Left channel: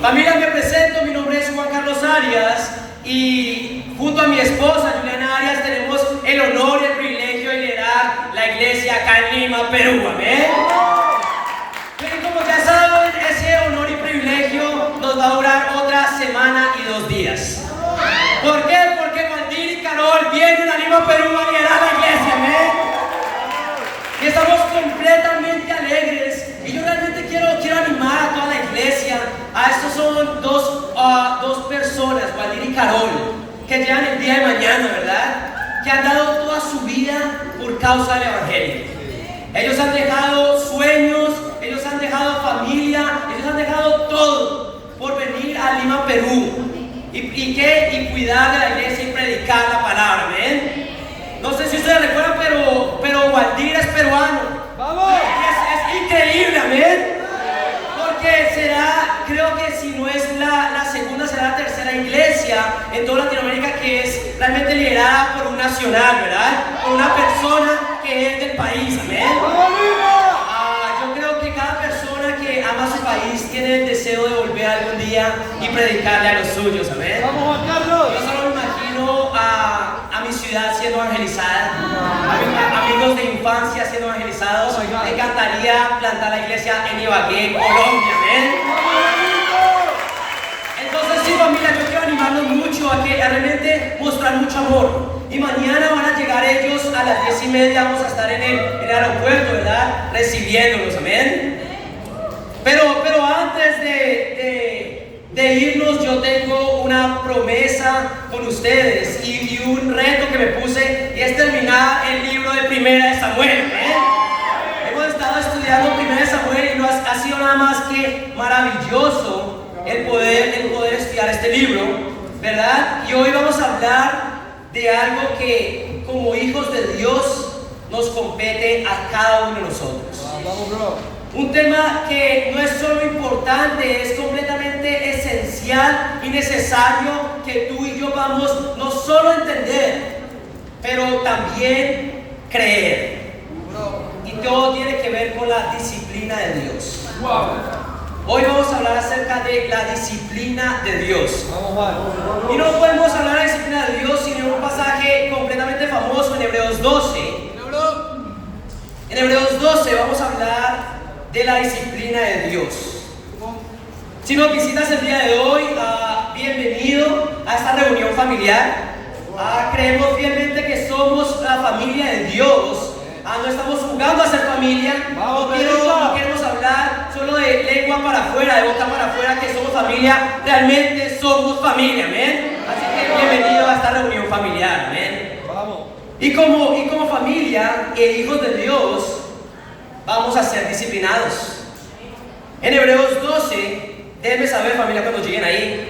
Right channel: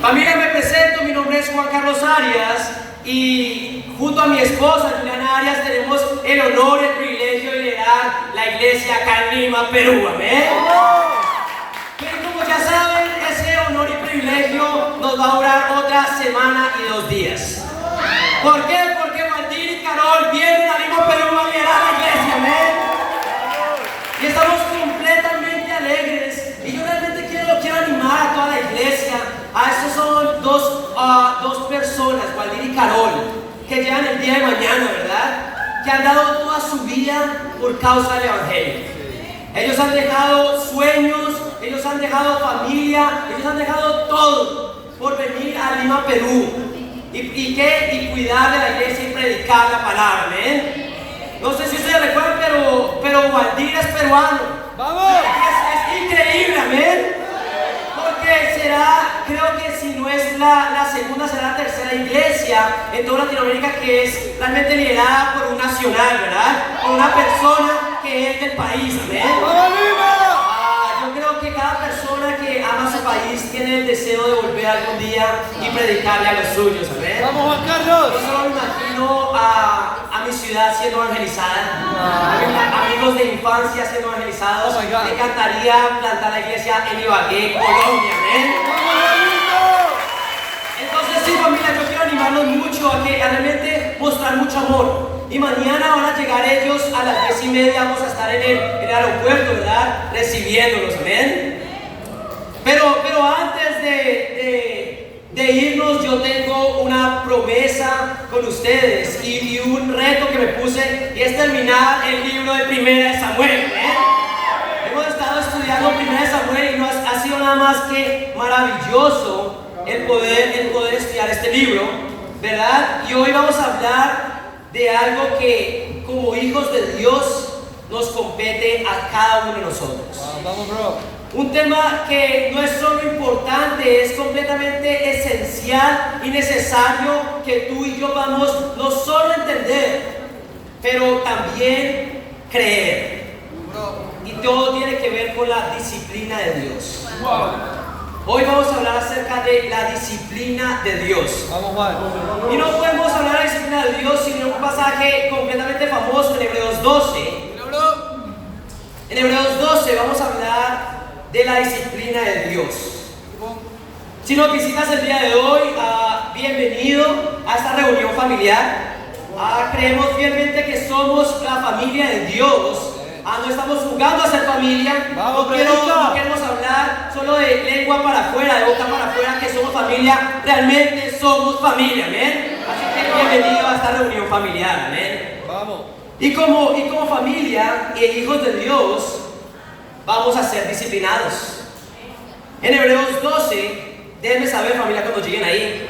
Familia, me presento, mi nombre es Juan Carlos Arias y junto a mi esposa Juliana Arias tenemos el honor y el privilegio de liderar la iglesia acá en Lima, Perú. Amén. Pero como ya saben, ese honor y privilegio nos va a durar otra semana y 2 días. ¿Por qué? Porque Waldir y Carol vienen a Lima, Perú a liderar la iglesia. Amén. Y estamos completamente alegres. Y yo realmente quiero animar a toda la iglesia. A estos son dos personas, Waldir y Carol, que llegan el día de mañana, ¿verdad? Que han dado toda su vida por causa del evangelio. Ellos han dejado sueños, ellos han dejado familia, ellos han dejado todo por venir a Lima, Perú. Y cuidar de la iglesia y predicar la palabra. ¿Ven? No sé si ustedes recuerdan, pero Waldir es peruano. ¡Vamos! Es increíble, ¿amén? Porque creo que si no es la segunda, será la tercera iglesia en toda Latinoamérica que es realmente liderada por un nacional, ¿verdad? Por una persona que es del país, ¿amén? Yo creo que cada persona que ama su país tiene el deseo de volver algún día y predicarle a los suyos, ¿amén? ¡Vamos, Juan Carlos! Yo solo me imagino a mi ciudad siendo evangelizada, a mis amigos de infancia siendo evangelizados. Me encantaría plantar la iglesia en Ibagué, Colombia, ¿amén? Entonces sí, familia, yo quiero animarlos mucho a realmente mostrar mucho amor. Y mañana van a llegar ellos a las 10:30, vamos a estar en el aeropuerto, ¿verdad? Recibiéndolos, ¿amén? Pero antes de irnos, yo tengo una promesa con ustedes y un reto que me puse, y es terminar el libro de Primera de Samuel, ¿eh? Hemos estado estudiando Primera de Samuel y no ha sido nada más que maravilloso el poder estudiar este libro, ¿verdad? Y hoy vamos a hablar de algo que como hijos de Dios nos compete a cada uno de nosotros. Vamos, bro. Un tema que no es solo importante, es completamente esencial y necesario que tú y yo vamos no solo a entender, pero también creer. Y todo tiene que ver con la disciplina de Dios. Hoy vamos a hablar acerca de la disciplina de Dios. Y no podemos hablar de la disciplina de Dios sin un pasaje completamente famoso en Hebreos 12. En Hebreos 12 vamos a hablar de la disciplina de Dios. Si nos visitas el día de hoy, bienvenido a esta reunión familiar. Creemos fielmente que somos la familia de Dios. No estamos jugando a ser familia. No queremos hablar solo de lengua para afuera, de boca para afuera, que somos familia. Realmente somos familia, ¿amén? Así que bienvenido a esta reunión familiar, ¿amén? Y como familia e hijos de Dios, vamos a ser disciplinados. En Hebreos 12, déjenme saber, familia, cuando lleguen ahí.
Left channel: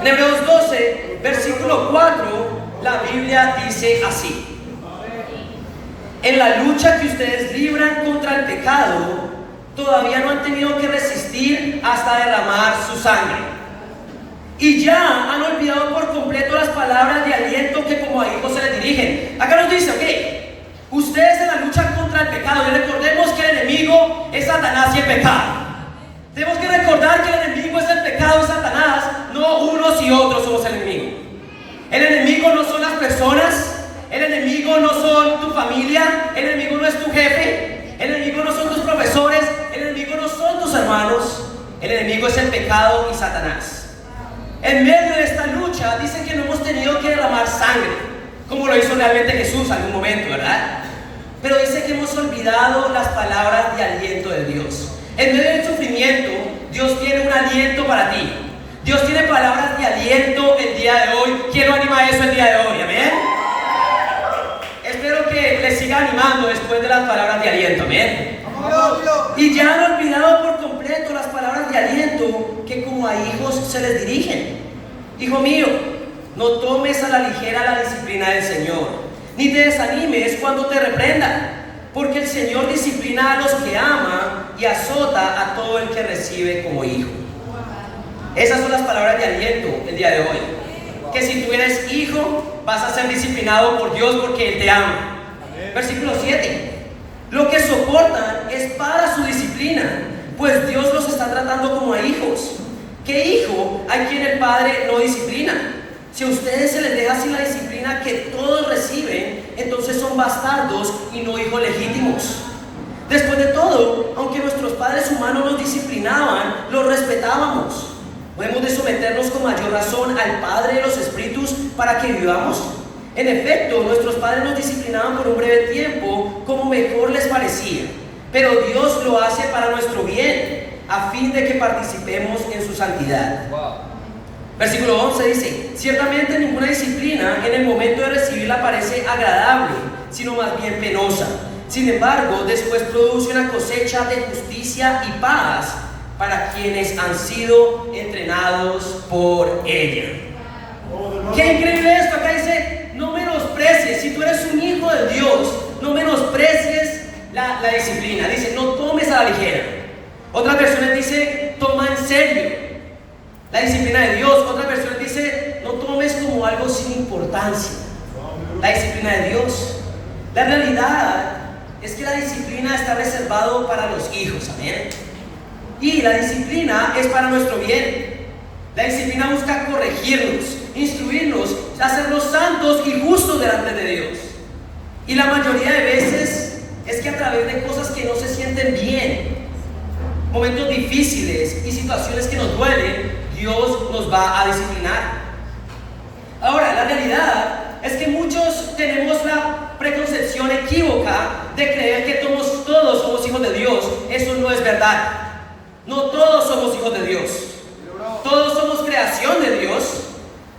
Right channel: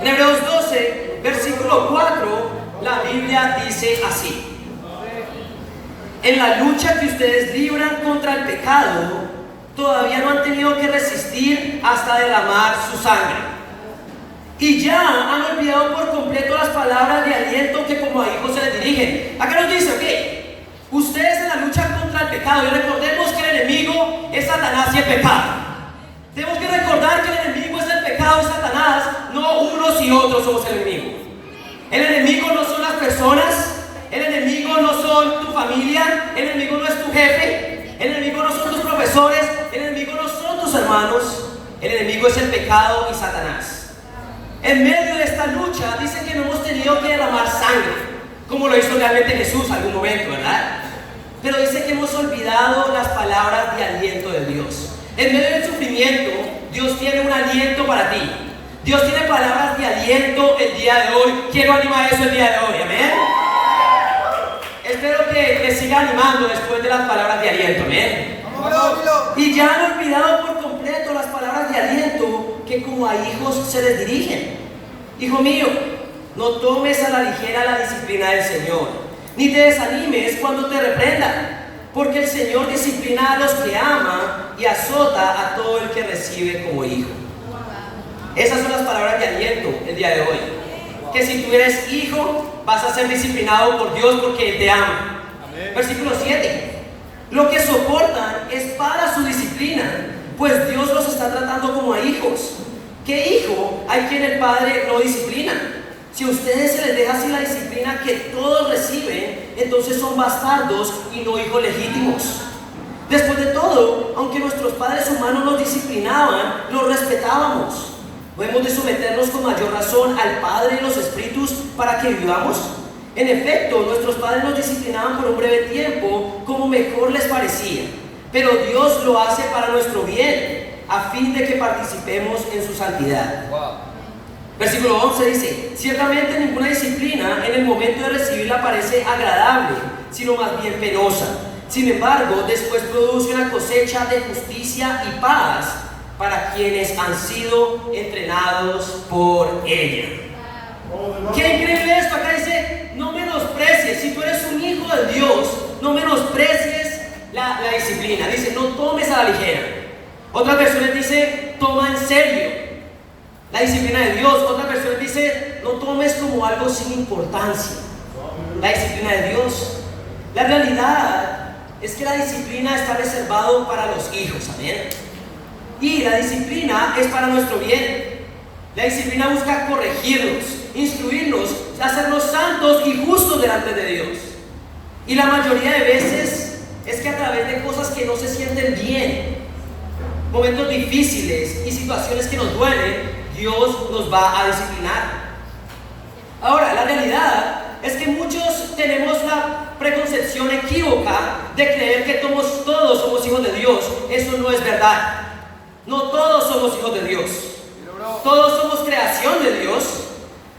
En Hebreos 12, versículo 4, la Biblia dice así: en la lucha que ustedes libran contra el pecado, todavía no han tenido que resistir hasta derramar su sangre. Y ya han olvidado por completo las palabras de aliento que como a hijos se les dirigen. Acá nos dice, ¿ok? Ustedes en la lucha contra el pecado, y recordemos que el enemigo es Satanás y el pecado. Tenemos que recordar que el enemigo es el pecado y Satanás, no unos y otros somos el enemigo. El enemigo no son las personas, el enemigo no son tu familia, el enemigo no es tu jefe, el enemigo no son tus profesores, el enemigo no son tus hermanos, el enemigo es el pecado y Satanás. En medio de esta lucha dice que no hemos tenido que derramar sangre, como lo hizo realmente Jesús en algún momento, ¿verdad? Pero dice que hemos olvidado las palabras de aliento de Dios. En medio del sufrimiento, Dios tiene un aliento para ti. Dios tiene palabras de aliento el día de hoy. Quiero animar eso el día de hoy, ¿amén? Espero que les siga animando después de las palabras de aliento, ¿amén? Y ya han olvidado por completo las palabras de aliento que como a hijos se les dirigen. Hijo mío, no tomes a la ligera la disciplina del Señor, ni te desanimes cuando te reprendan, porque el Señor disciplina a los que ama y azota a todo el que recibe como hijo. Esas son las palabras de aliento el día de hoy. Que si tú eres hijo, vas a ser disciplinado por Dios porque Él te ama. Versículo 7. Lo que soportan es para su disciplina, pues Dios los está tratando como a hijos. ¿Qué hijo hay quien el padre no disciplina? Si a ustedes se les deja sin la disciplina que todos reciben, entonces son bastardos y no hijos legítimos. Después de todo, aunque nuestros padres humanos nos disciplinaban, los respetábamos. ¿No hemos de someternos con mayor razón al Padre de los Espíritus para que vivamos? En efecto, nuestros padres nos disciplinaban por un breve tiempo, como mejor les parecía. Pero Dios lo hace para nuestro bien, a fin de que participemos en su santidad. Versículo 11 dice: ciertamente ninguna disciplina en el momento de recibirla parece agradable, sino más bien penosa. Sin embargo, después produce una cosecha de justicia y paz para quienes han sido entrenados por ella. Qué increíble esto. Acá dice: no menosprecies. Si tú eres un hijo de Dios, no menosprecies la disciplina. Dice: no tomes a la ligera. Otras versiones dice: toma en serio la disciplina de Dios. Otras versiones dice: no tomes como algo sin importancia la disciplina de Dios. La realidad es que la disciplina está reservado para los hijos, amén. Y la disciplina es para nuestro bien. La disciplina busca corregirnos, instruirnos, hacernos santos y justos delante de Dios. Y la mayoría de veces es que a través de cosas que no se sienten bien, momentos difíciles y situaciones que nos duelen, Dios nos va a disciplinar. Ahora, la realidad es que muchos tenemos la preconcepción equívoca de creer que todos somos hijos de Dios. Eso no es verdad. No todos somos hijos de Dios. Todos somos creación de Dios.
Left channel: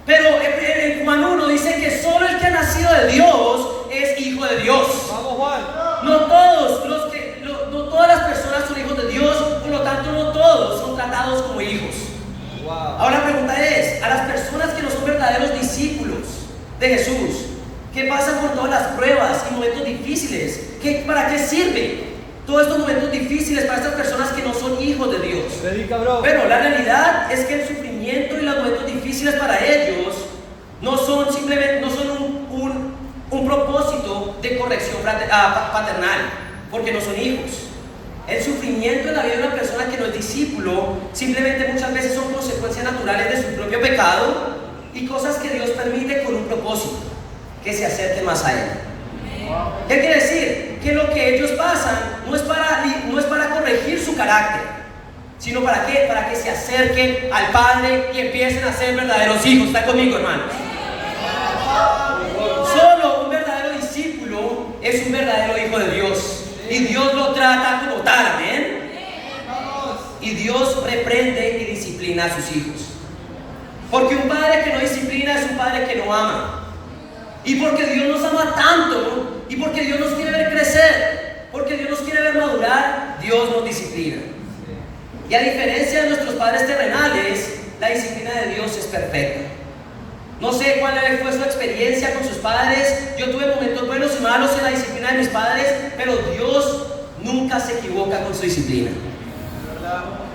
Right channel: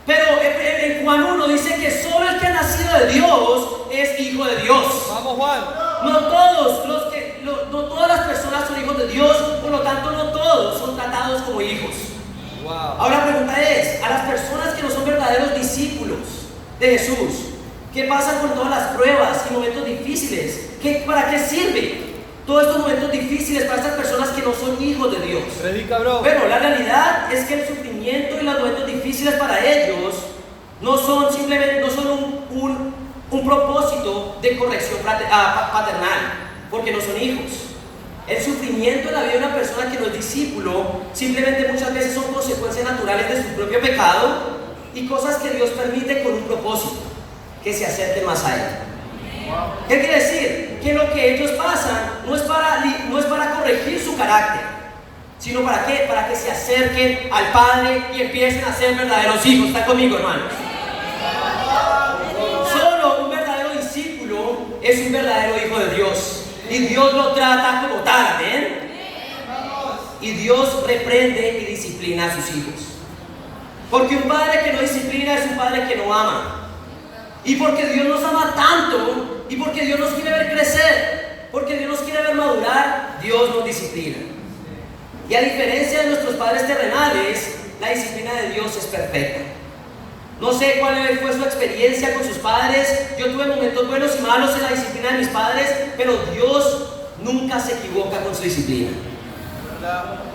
Pero en Juan 1 dice que solo el que ha nacido de Dios es hijo de Dios. No todas las personas son hijos de Dios, por lo tanto no todos son tratados como hijos. Ahora la pregunta es: a las personas que no son verdaderos discípulos de Jesús, ¿qué pasa con todas las pruebas y momentos difíciles? ¿Para qué sirve todos estos momentos difíciles para estas personas que no son hijos de Dios? Bueno, la realidad es que el sufrimiento y los momentos difíciles para ellos no son un propósito de corrección paternal, porque no son hijos. El sufrimiento en la vida de una persona que no es discípulo simplemente muchas veces son consecuencias naturales de su propio pecado y cosas que Dios permite con un propósito: que se acerque más a Él. ¿Qué quiere decir? Que lo que ellos pasan no es para corregir su carácter, sino ¿para qué? Para que se acerquen al Padre y empiecen a ser verdaderos hijos. ¿Están conmigo, hermanos? Solo un verdadero discípulo es un verdadero hijo de Dios, y Dios lo trata como tal, amén. Y Dios reprende y disciplina a sus hijos, porque un padre que no disciplina es un padre que no ama. Y porque Dios nos ama tanto, y porque Dios nos quiere ver crecer, porque Dios nos quiere ver madurar, Dios nos disciplina. Y a diferencia de nuestros padres terrenales, la disciplina de Dios es perfecta. No sé cuál fue su experiencia con sus padres. Yo tuve momentos buenos y malos en la disciplina de mis padres, pero Dios nunca se equivoca con su disciplina.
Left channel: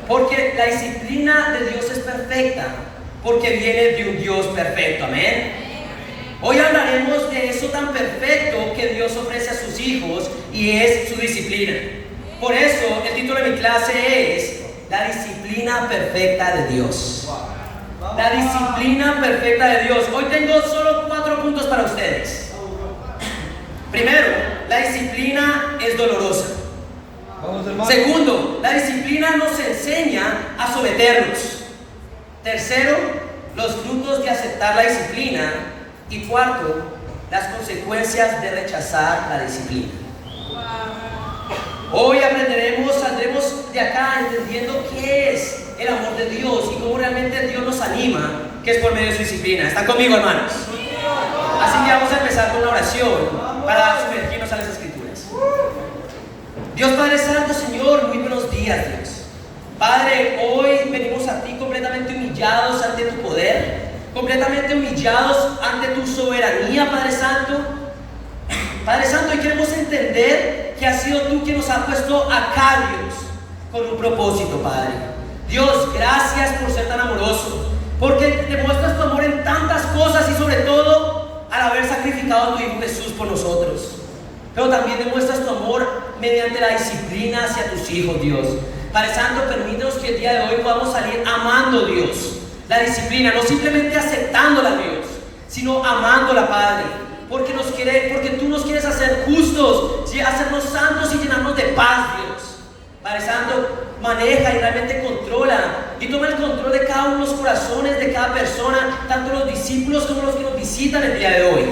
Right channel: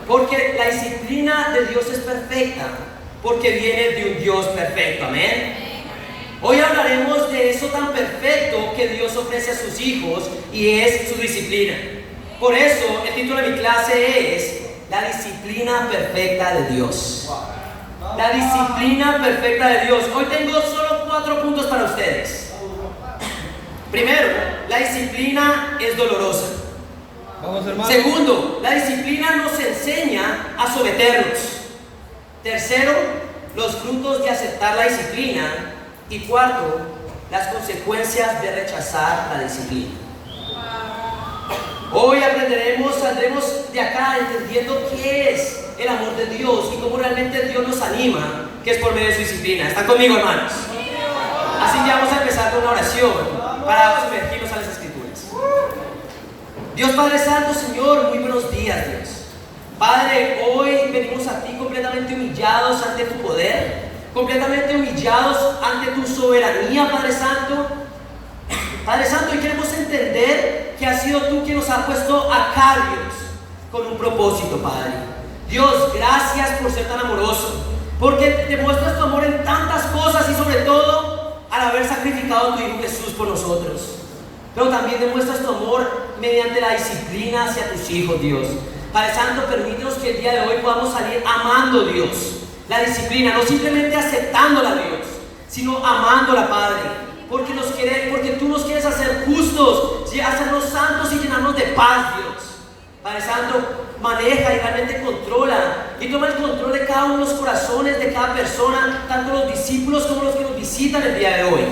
Porque la disciplina de Dios es perfecta, porque viene de un Dios perfecto, amén. Hoy hablaremos de eso tan perfecto que Dios ofrece a sus hijos, y es su disciplina. Por eso el título de mi clase es: la disciplina perfecta de Dios. La disciplina perfecta de Dios. Hoy tengo solo 4 puntos para ustedes. Primero, la disciplina es dolorosa. Segundo, la disciplina nos enseña a someternos. Tercero, los frutos de aceptar la disciplina. Y cuarto, las consecuencias de rechazar la disciplina. Hoy saldremos de acá entendiendo qué es el amor de Dios y cómo realmente Dios nos anima, que es por medio de su disciplina. ¿Están conmigo, hermanos? Así que vamos a empezar con una oración para sumergirnos a las Escrituras. Dios Padre Santo, Señor, muy buenos días, Dios. Padre, hoy venimos a ti completamente humillados ante tu poder, completamente humillados ante tu soberanía, Padre Santo. Padre Santo, y queremos entender que has sido tú quien nos ha puesto acá, Dios, con un propósito, Padre. Dios, gracias por ser tan amoroso, porque te muestras tu amor en tantas cosas, y sobre todo al haber sacrificado a tu Hijo Jesús por nosotros. Pero también demuestras tu amor mediante la disciplina hacia tus hijos, Dios. Padre Santo, permítanos que el día de hoy podamos salir amando a Dios. La disciplina, no simplemente aceptándola a Dios, sino amándola, Padre. Porque tú nos quieres hacer justos, hacernos santos y llenarnos de paz, Dios. Padre Santo, maneja y realmente controla y toma el control de cada uno de los corazones de cada persona, tanto los discípulos como los que nos visitan el día de hoy,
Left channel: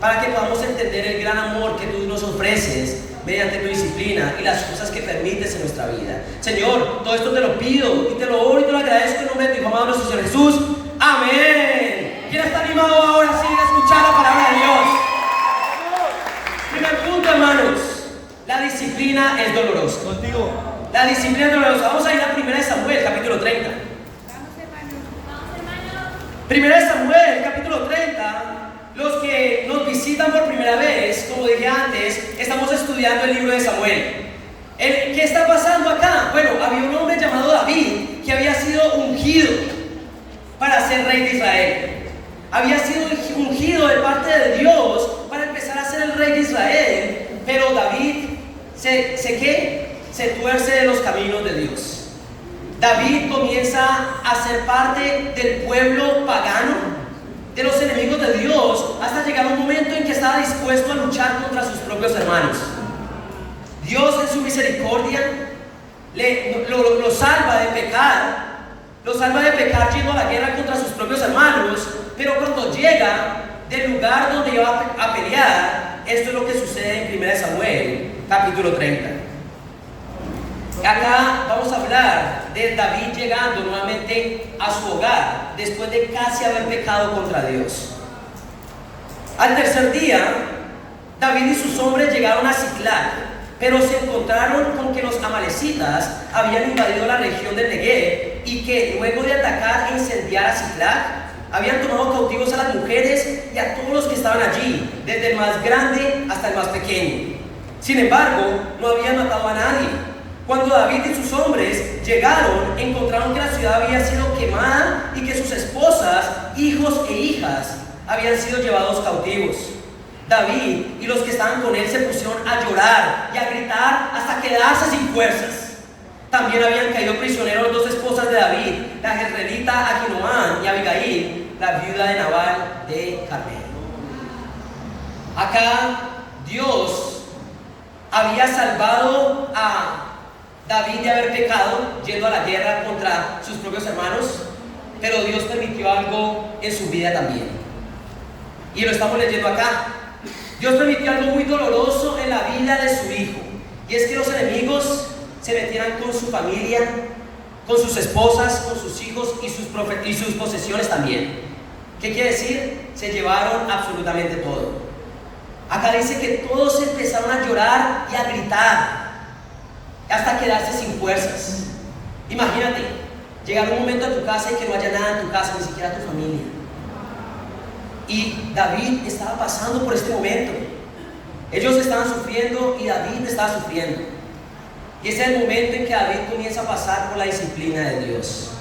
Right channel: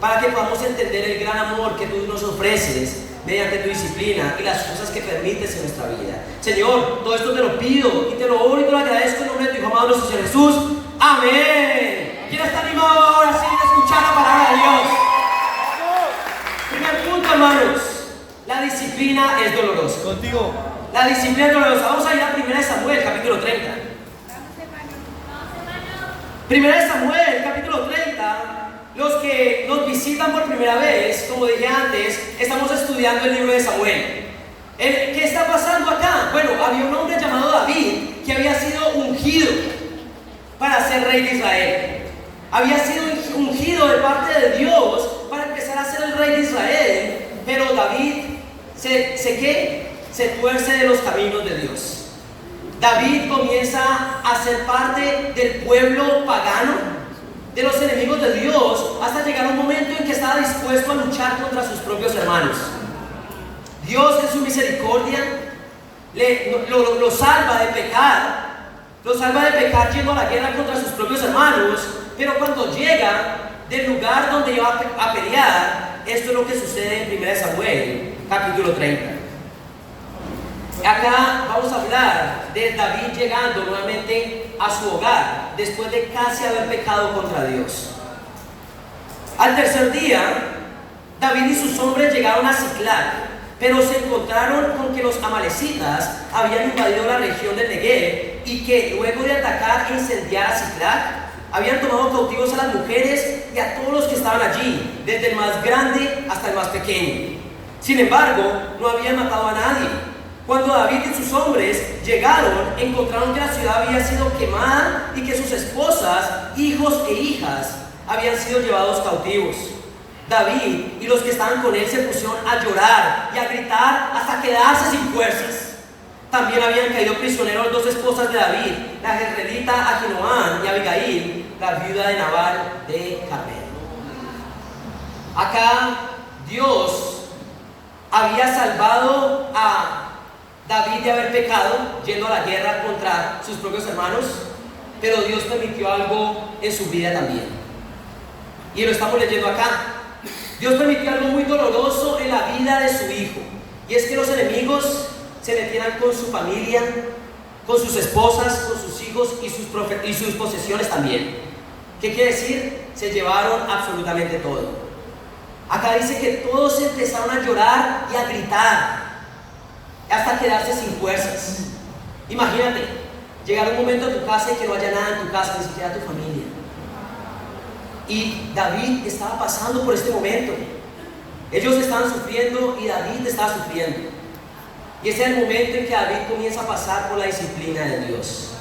para que podamos entender el gran amor que tú nos ofreces mediante tu disciplina y las cosas que permites en nuestra vida. Señor, todo esto te lo pido y te lo doy y te lo agradezco en nombre de tu Hijo amado nuestro Señor Jesús. Amén. ¿Quién está animado ahora sí de escuchar la palabra de Dios? Primer punto, hermanos, la disciplina es dolorosa. Contigo. La disciplina es dolorosa. Vamos a ir a 1 Samuel, capítulo 30. 1 Samuel, capítulo 30. Los que nos visitan por primera vez, como dije antes, estamos estudiando el libro de Samuel. ¿Qué está pasando acá? Bueno, había un hombre llamado David que había sido ungido para ser rey de Israel. Había sido ungido de parte de Dios para empezar a ser el rey de Israel, pero David se tuerce de los caminos de Dios. David comienza a ser parte del pueblo pagano, de los enemigos de Dios, hasta llegar un momento en que estaba dispuesto a luchar contra sus propios hermanos. Dios en su misericordia lo salva de pecar yendo a la guerra contra sus propios hermanos, pero cuando llega del lugar donde iba a pelear, esto es lo que sucede en 1 Samuel, capítulo 30. Acá vamos a hablar de David llegando nuevamente a su hogar después de casi haber pecado contra Dios. Al tercer día, David y sus hombres llegaron a Siclag, pero se encontraron con que los amalecitas habían invadido la región del Negev y que luego de atacar e incendiar a Siclag, habían tomado cautivos a las mujeres y a todos los que estaban allí, desde el más grande hasta el más pequeño. Sin embargo, no habían matado a nadie. Cuando David y sus hombres llegaron, encontraron que la ciudad había sido quemada y que sus esposas, hijos e hijas habían sido llevados cautivos. David y los que estaban con él se pusieron a llorar y a gritar hasta quedarse sin fuerzas. También habían caído prisioneros dos esposas de David, la jezreelita Ahinoam y Abigail, la viuda de Nabal de Carmel. Acá Dios había salvado a David de haber pecado yendo a la guerra contra sus propios hermanos, pero Dios permitió algo en su vida también, y lo estamos leyendo acá. Dios permitió algo muy doloroso en la vida de su hijo, y es que los enemigos se metieran con su familia, con sus esposas, con sus hijos y sus posesiones también. ¿Qué quiere decir? Se llevaron absolutamente todo. Acá dice que todos empezaron a llorar y a gritar hasta quedarse sin fuerzas. Imagínate, llegar un momento a tu casa y que no haya nada en tu casa, ni siquiera tu familia. Y David estaba pasando por este momento. Ellos estaban sufriendo y David estaba sufriendo. Y ese es el momento en que David comienza a pasar por la disciplina de Dios.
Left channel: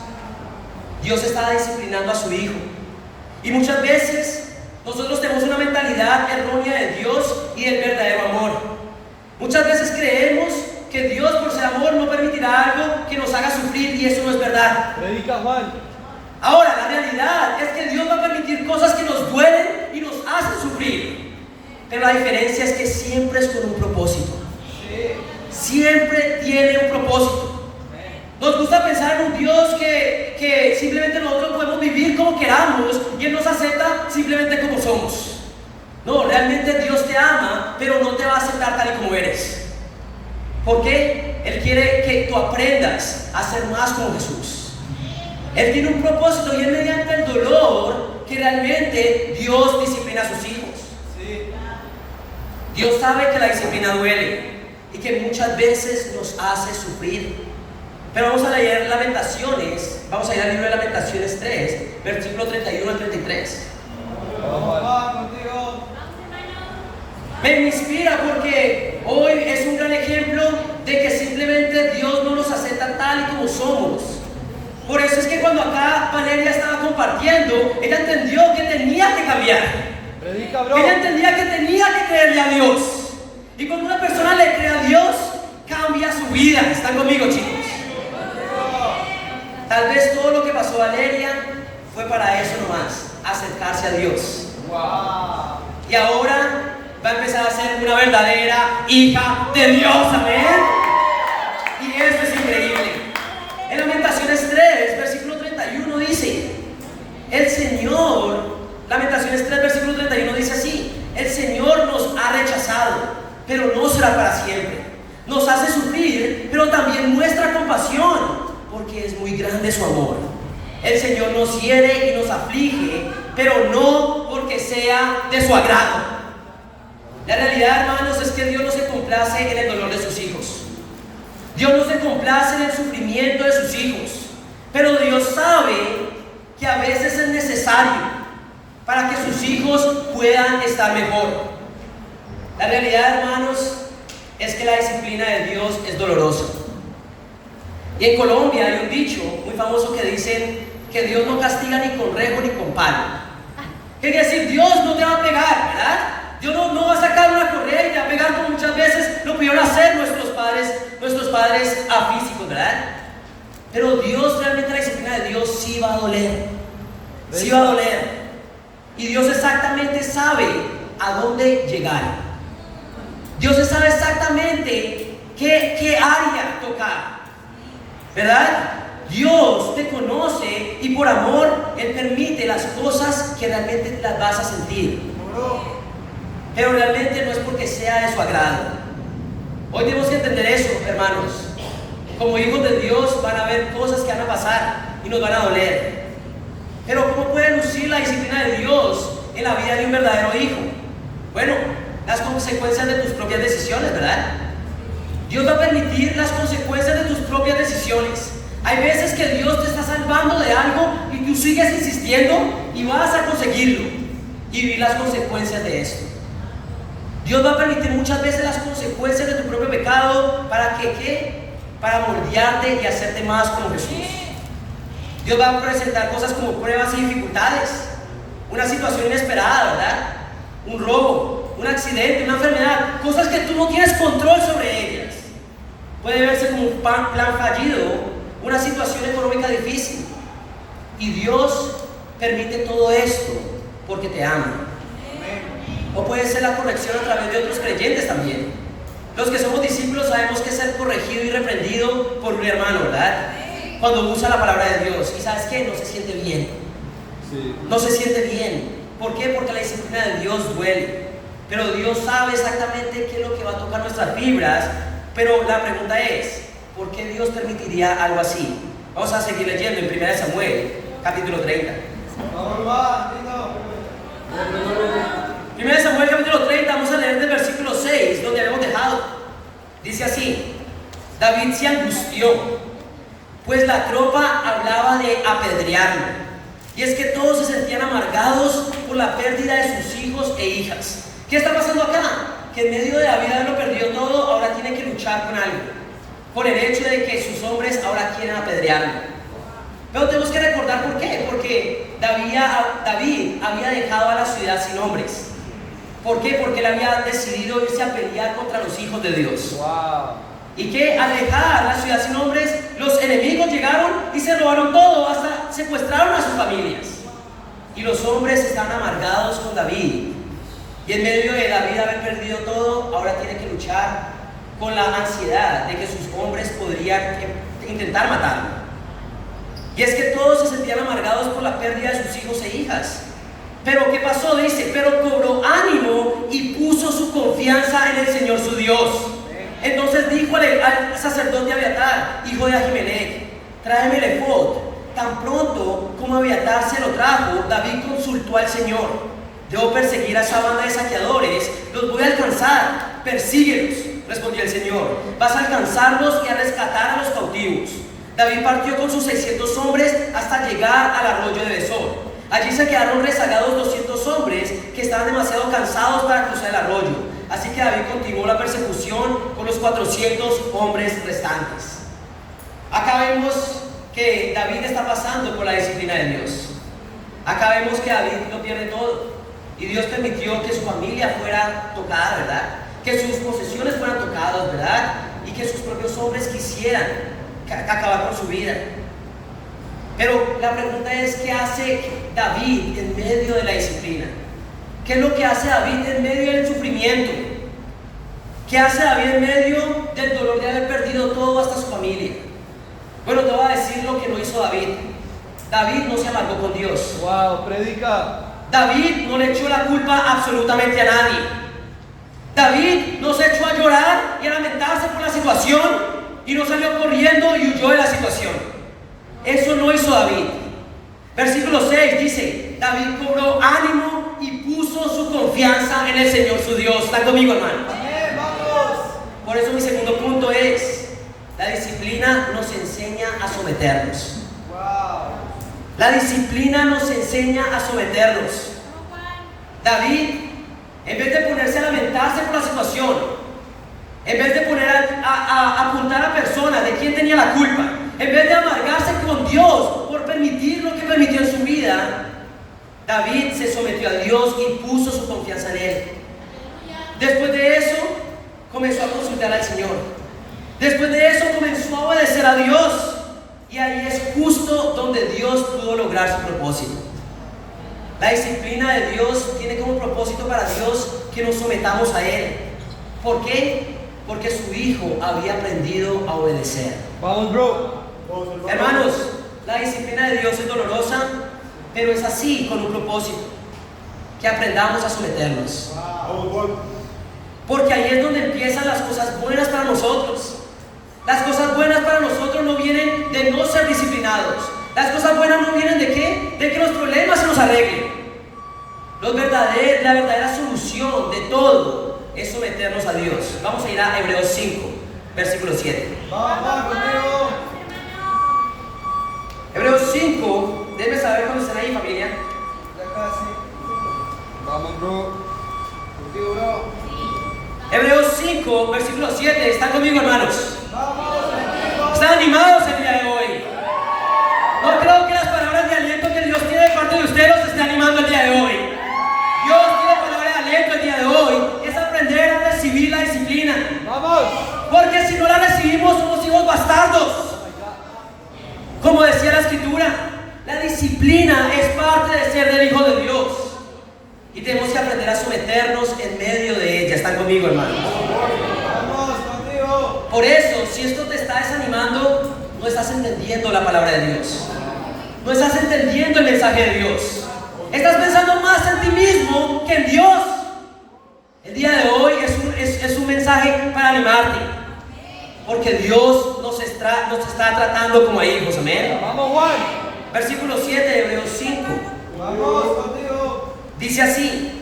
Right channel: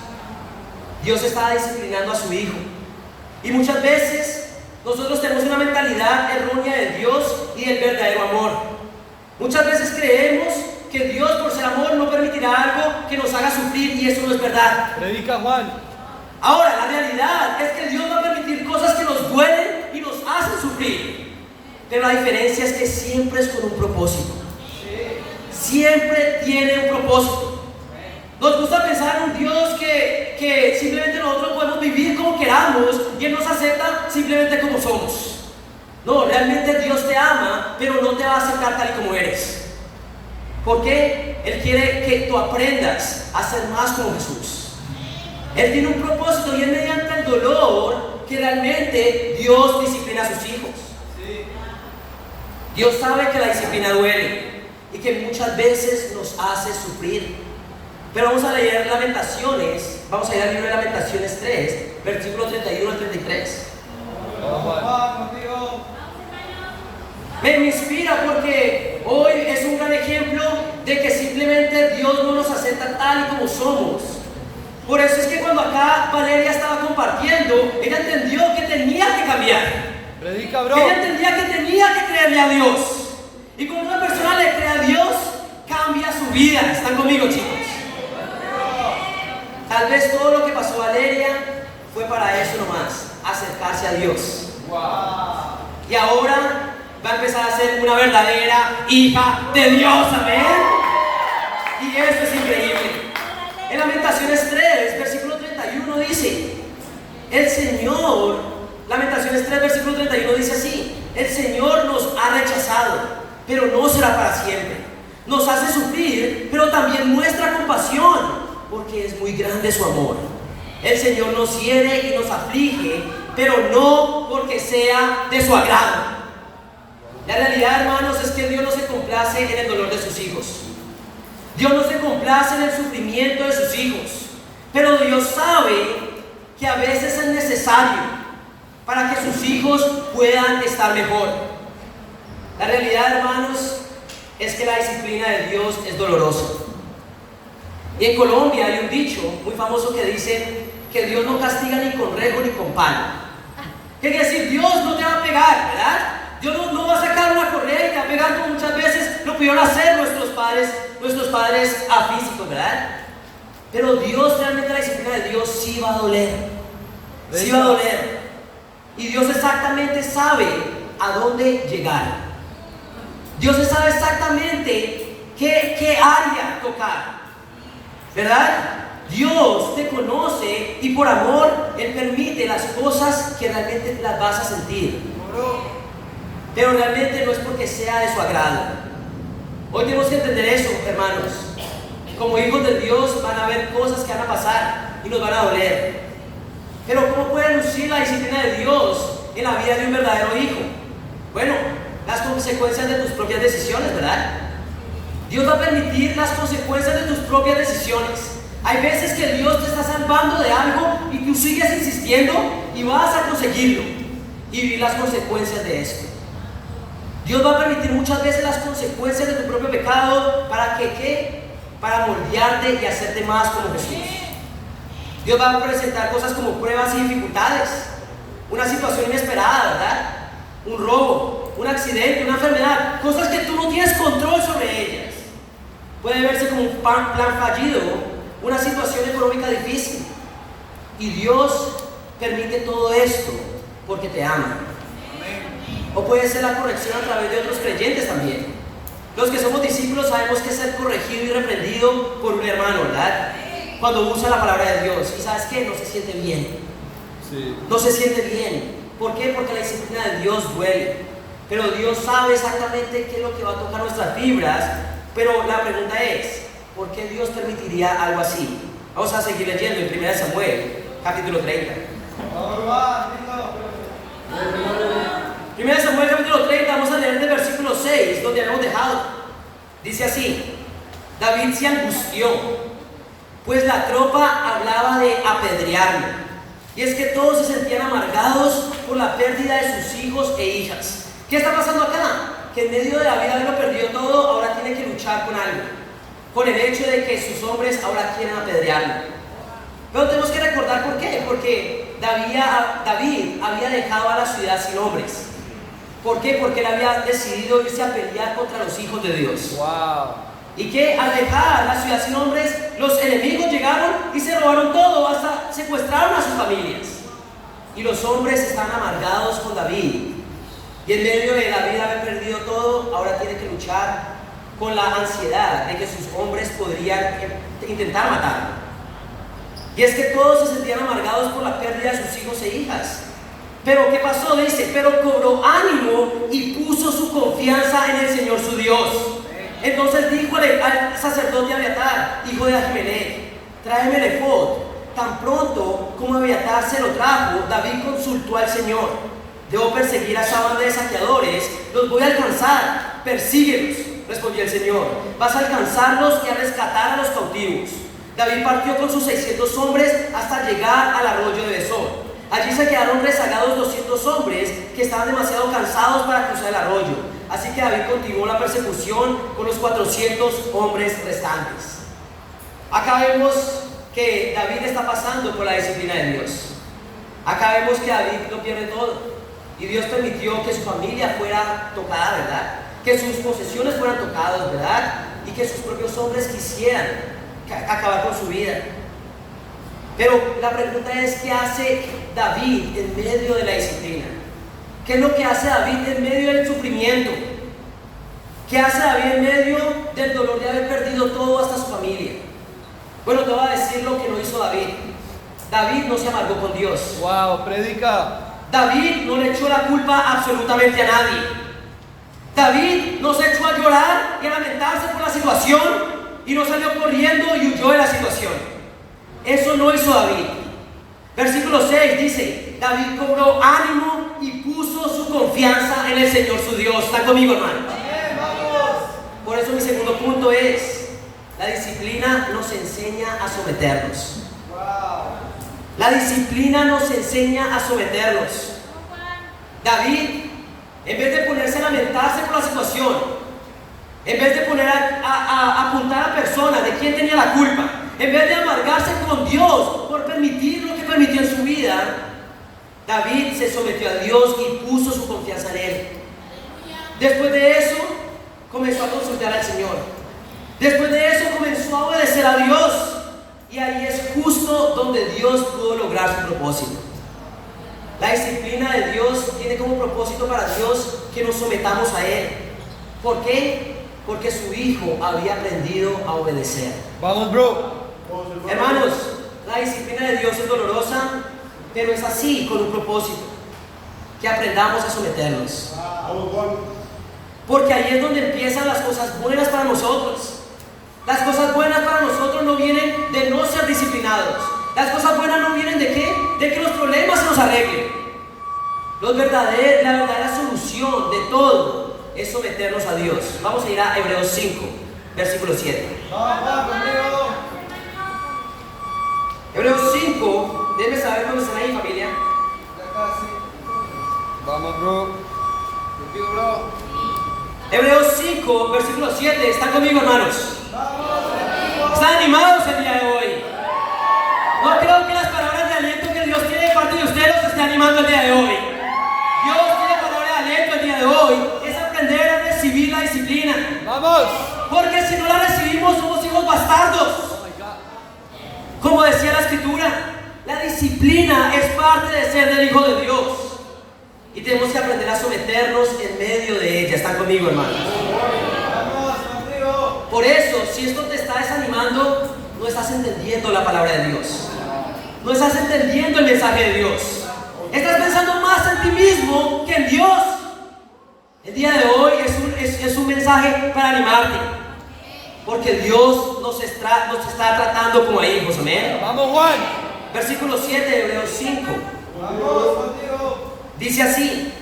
Dios estaba disciplinando a su hijo. Y muchas veces nosotros tenemos una mentalidad errónea de Dios y del verdadero amor. Muchas veces creemos que Dios, por ser amor, no permitirá algo que nos haga sufrir, y eso no es verdad. Predica Juan. Ahora, la realidad es que Dios va a permitir cosas que nos duelen y nos hacen sufrir. Pero la diferencia es que siempre es con un propósito. Siempre tiene un propósito. Nos gusta pensar en un Dios que simplemente nosotros podemos vivir como queramos y Él nos acepta simplemente como somos. No, realmente Dios te ama, pero no te va a aceptar tal y como eres. ¿Por qué? Él quiere que tú aprendas a ser más como Jesús. Él tiene un propósito y es mediante el dolor que realmente Dios disciplina a sus hijos. Dios sabe que la disciplina duele y que muchas veces nos hace sufrir. Pero vamos a leer Lamentaciones, vamos a ir al libro de Lamentaciones 3, versículo 31 al 33. Me inspira porque hoy es un gran ejemplo de que simplemente Dios no nos acepta tal y como somos. Por eso es que cuando acá Valeria estaba compartiendo, ella entendió que tenía que cambiar. Predica, bro. Ella entendía que tenía que creerle a Dios. Y cuando una persona le cree a Dios, cambia su vida. ¿Están conmigo, chicos? Tal vez todo lo que pasó a Valeria fue para eso nomás, acercarse a Dios. Y ahora va a empezar a ser una verdadera hija de Dios, amén. Y esto es increíble. En Lamentaciones 3, versículo 31 dice, el Señor, Lamentaciones 3, versículo 31 dice así: el Señor nos ha rechazado, pero no será para siempre. Nos hace sufrir, pero también muestra compasión, porque es muy grande su amor. El Señor nos hiere y nos aflige, pero no porque sea de su agrado. La realidad, hermanos, es que Dios no se complace en el dolor de sus hijos. Dios no se complace en el sufrimiento de sus hijos. Pero Dios sabe que a veces es necesario para que sus hijos puedan estar mejor. La realidad, hermanos, es que la disciplina de Dios es dolorosa. Y en Colombia hay un dicho muy famoso que dice que Dios no castiga ni con rejo ni con palo. ¿Qué quiere decir? Dios no te va a pegar, ¿verdad? Dios no va a sacar una correa y te va a pegar, como muchas veces lo pudieron hacer nuestros padres físicos, ¿verdad? Pero Dios, realmente la disciplina de Dios sí va a doler. Sí va a doler. Y Dios exactamente sabe a dónde llegar. Dios sabe exactamente qué área tocar, ¿verdad? Dios te conoce y por amor Él permite las cosas que realmente las vas a sentir. Pero realmente no es porque sea de su agrado. Hoy tenemos que entender eso, hermanos. Como hijos de Dios van a haber cosas que van a pasar y nos van a doler. Pero ¿cómo puede lucir la disciplina de Dios en la vida de un verdadero hijo? Bueno, las consecuencias de tus propias decisiones, ¿verdad? Dios va a permitir las consecuencias de tus propias decisiones. Hay veces que Dios te está salvando de algo y tú sigues insistiendo y vas a conseguirlo y vivir las consecuencias de esto. Dios va a permitir muchas veces las consecuencias de tu propio pecado para que, ¿qué? Para moldearte y hacerte más como Jesús. Dios va a presentar cosas como pruebas y dificultades, una situación inesperada, ¿verdad? Un robo, un accidente, una enfermedad, cosas que tú no tienes control sobre ellas. Puede verse como un plan fallido, una situación económica difícil. Y Dios permite todo esto porque te ama. O puede ser la corrección a través de otros creyentes también. Los que somos discípulos sabemos que es ser corregido y reprendido por un hermano, ¿verdad? Cuando usa la palabra de Dios. Y ¿sabes qué? No se siente bien. Sí. No se siente bien. ¿Por qué? Porque la disciplina de Dios duele. Pero Dios sabe exactamente qué es lo que va a tocar nuestras fibras. Pero la pregunta es, ¿por qué Dios permitiría algo así? Vamos a seguir leyendo en 1 Samuel, capítulo 30. 1 Samuel capítulo 30, vamos a leer del versículo 6, donde habíamos dejado. Dice así: David se angustió, pues la tropa hablaba de apedrearlo. Y es que todos se sentían amargados por la pérdida de sus hijos e hijas. ¿Qué está pasando acá? Que en medio de David haberlo perdido todo, ahora tiene que luchar con algo. Con el hecho de que sus hombres ahora quieren apedrearlo. Pero tenemos que recordar por qué. Porque David había dejado a la ciudad sin hombres. ¿Por qué? Porque él había decidido irse a pelear contra los hijos de Dios. Wow. Y que al dejar la ciudad sin hombres, los enemigos llegaron y se robaron todo, hasta secuestraron a sus familias. Y los hombres estaban amargados con David. Y en medio de David haber perdido todo, ahora tiene que luchar con la ansiedad de que sus hombres podrían intentar matarlo. Y es que todos se sentían amargados por la pérdida de sus hijos e hijas. Pero ¿qué pasó? Dice, pero cobró ánimo y puso su confianza en el Señor su Dios. Entonces dijo al sacerdote Abiatar, hijo de Ahimelech, tráeme el efod. Tan pronto como Abiatar se lo trajo, David consultó al Señor: debo perseguir a esa banda de saqueadores, los voy a alcanzar, persíguelos, respondió el Señor. Vas a alcanzarlos y a rescatar a los cautivos. David partió con sus 600 hombres hasta llegar al arroyo de Besor. Allí se quedaron rezagados 200 hombres que estaban demasiado cansados para cruzar el arroyo. Así que David continuó la persecución con los 400 hombres restantes. Acá vemos que David está pasando por la disciplina de Dios. Acá vemos que David lo pierde todo. Y Dios permitió que su familia fuera tocada, ¿verdad? Que sus posesiones fueran tocadas, ¿verdad? Y que sus propios hombres quisieran acabar con su vida. Pero la pregunta es, ¿qué hace David en medio de la disciplina? ¿Qué es lo que hace David en medio del sufrimiento? ¿Qué hace David en medio del dolor de haber perdido todo hasta su familia? Bueno, te voy a decir lo que no hizo David. David no se amargó con Dios. Wow, predica. David no le echó la culpa absolutamente a nadie. David no se echó a llorar y a lamentarse por la situación y no salió corriendo y huyó de la situación. Eso no hizo David. Versículo 6 dice: David cobró ánimo y puso su confianza en el Señor su Dios. ¿Están conmigo, hermano? Por eso mi segundo punto es: la disciplina nos enseña a someternos. La disciplina nos enseña a someternos. David, en vez de ponerse a lamentarse por la situación, en vez de poner a apuntar a personas de quién tenía la culpa, en vez de amargarse con Dios por permitir lo que permitió en su vida, David se sometió a Dios y puso su confianza en Él. Después de eso, comenzó a consultar al Señor. Después de eso, comenzó a obedecer a Dios. Y ahí es justo donde Dios pudo lograr su propósito. La disciplina de Dios tiene como propósito para Dios que nos sometamos a Él. ¿Por qué? Porque su Hijo había aprendido a obedecer. Vamos, bro. Hermanos, la disciplina de Dios es dolorosa, pero es así, con un propósito: que aprendamos a someternos. Porque ahí es donde empiezan las cosas buenas para nosotros. Las cosas buenas para nosotros no vienen de no ser disciplinados. Las cosas buenas no vienen de ¿qué? De que los problemas se nos arreglen. La verdadera solución de todo es someternos a Dios. Vamos a ir a Hebreos 5, versículo 7. Hebreos 5, deben saber cuando están ahí, familia. Vamos, bro. Contigo, bro. Hebreos 5, versículo 7. ¿Están conmigo, hermanos? ¿Están animados el día de hoy? No creo que las palabras de aliento que Dios tiene de parte de ustedes los esté animando el día de hoy. Dios tiene palabras de aliento el día de hoy. Es aprender a recibir la disciplina. Vamos. Porque si no la recibimos, somos hijos bastardos. Como decía la Escritura, la disciplina es parte de ser del Hijo de Dios. Y tenemos que aprender a someternos en medio de ella. ¿Están conmigo, hermanos? Por eso, si esto te está desanimando, no estás entendiendo la palabra de Dios. No estás entendiendo el mensaje de Dios. Estás pensando más en ti mismo que en Dios. El día de hoy es un mensaje para animarte. Porque Dios nos está tratando como hijos. Amén. Vamos, Juan. Versículo 7 de Hebreos 5. Dice así:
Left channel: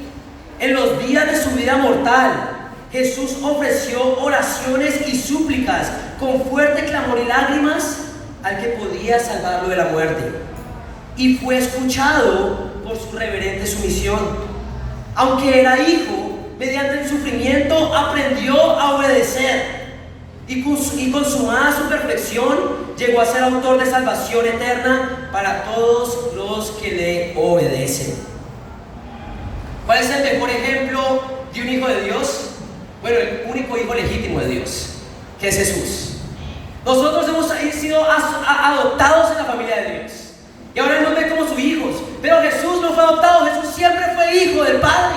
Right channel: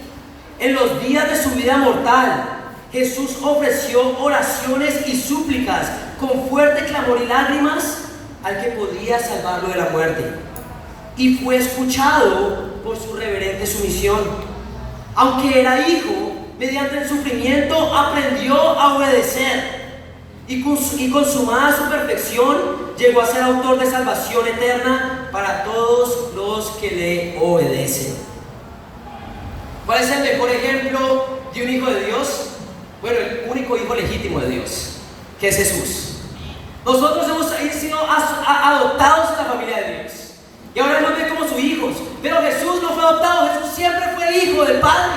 en los días de su vida mortal, Jesús ofreció oraciones y súplicas con fuerte clamor y lágrimas al que podía salvarlo de la muerte. Y fue escuchado por su reverente sumisión. Aunque era hijo, mediante el sufrimiento aprendió a obedecer. Y consumada su perfección, llegó a ser autor de salvación eterna para todos los que le obedecen. ¿Cuál es el mejor ejemplo de un hijo de Dios? Bueno, el único hijo legítimo de Dios, que es Jesús. Nosotros hemos sido adoptados en la familia de Dios. Y ahora Él nos ve como sus hijos. Pero Jesús no fue adoptado, Jesús siempre fue hijo del Padre.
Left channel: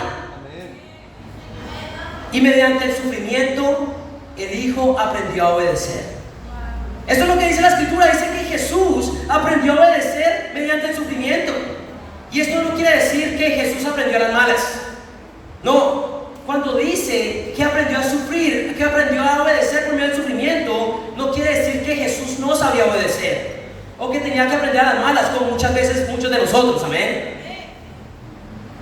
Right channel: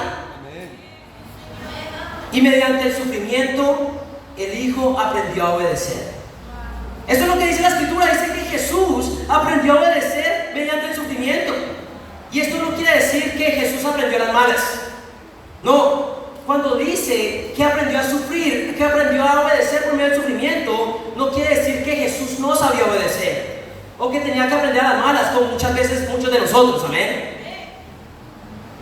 Y mediante el sufrimiento, el Hijo aprendió a obedecer. Esto es lo que dice la Escritura. Dice que Jesús aprendió a obedecer mediante el sufrimiento. Y esto no quiere decir que Jesús aprendió a las malas. No. Cuando dice que aprendió a sufrir, que aprendió a obedecer por medio del sufrimiento, no quiere decir que Jesús no sabía obedecer o que tenía que aprender a las malas, como muchas veces muchos de nosotros. Amén.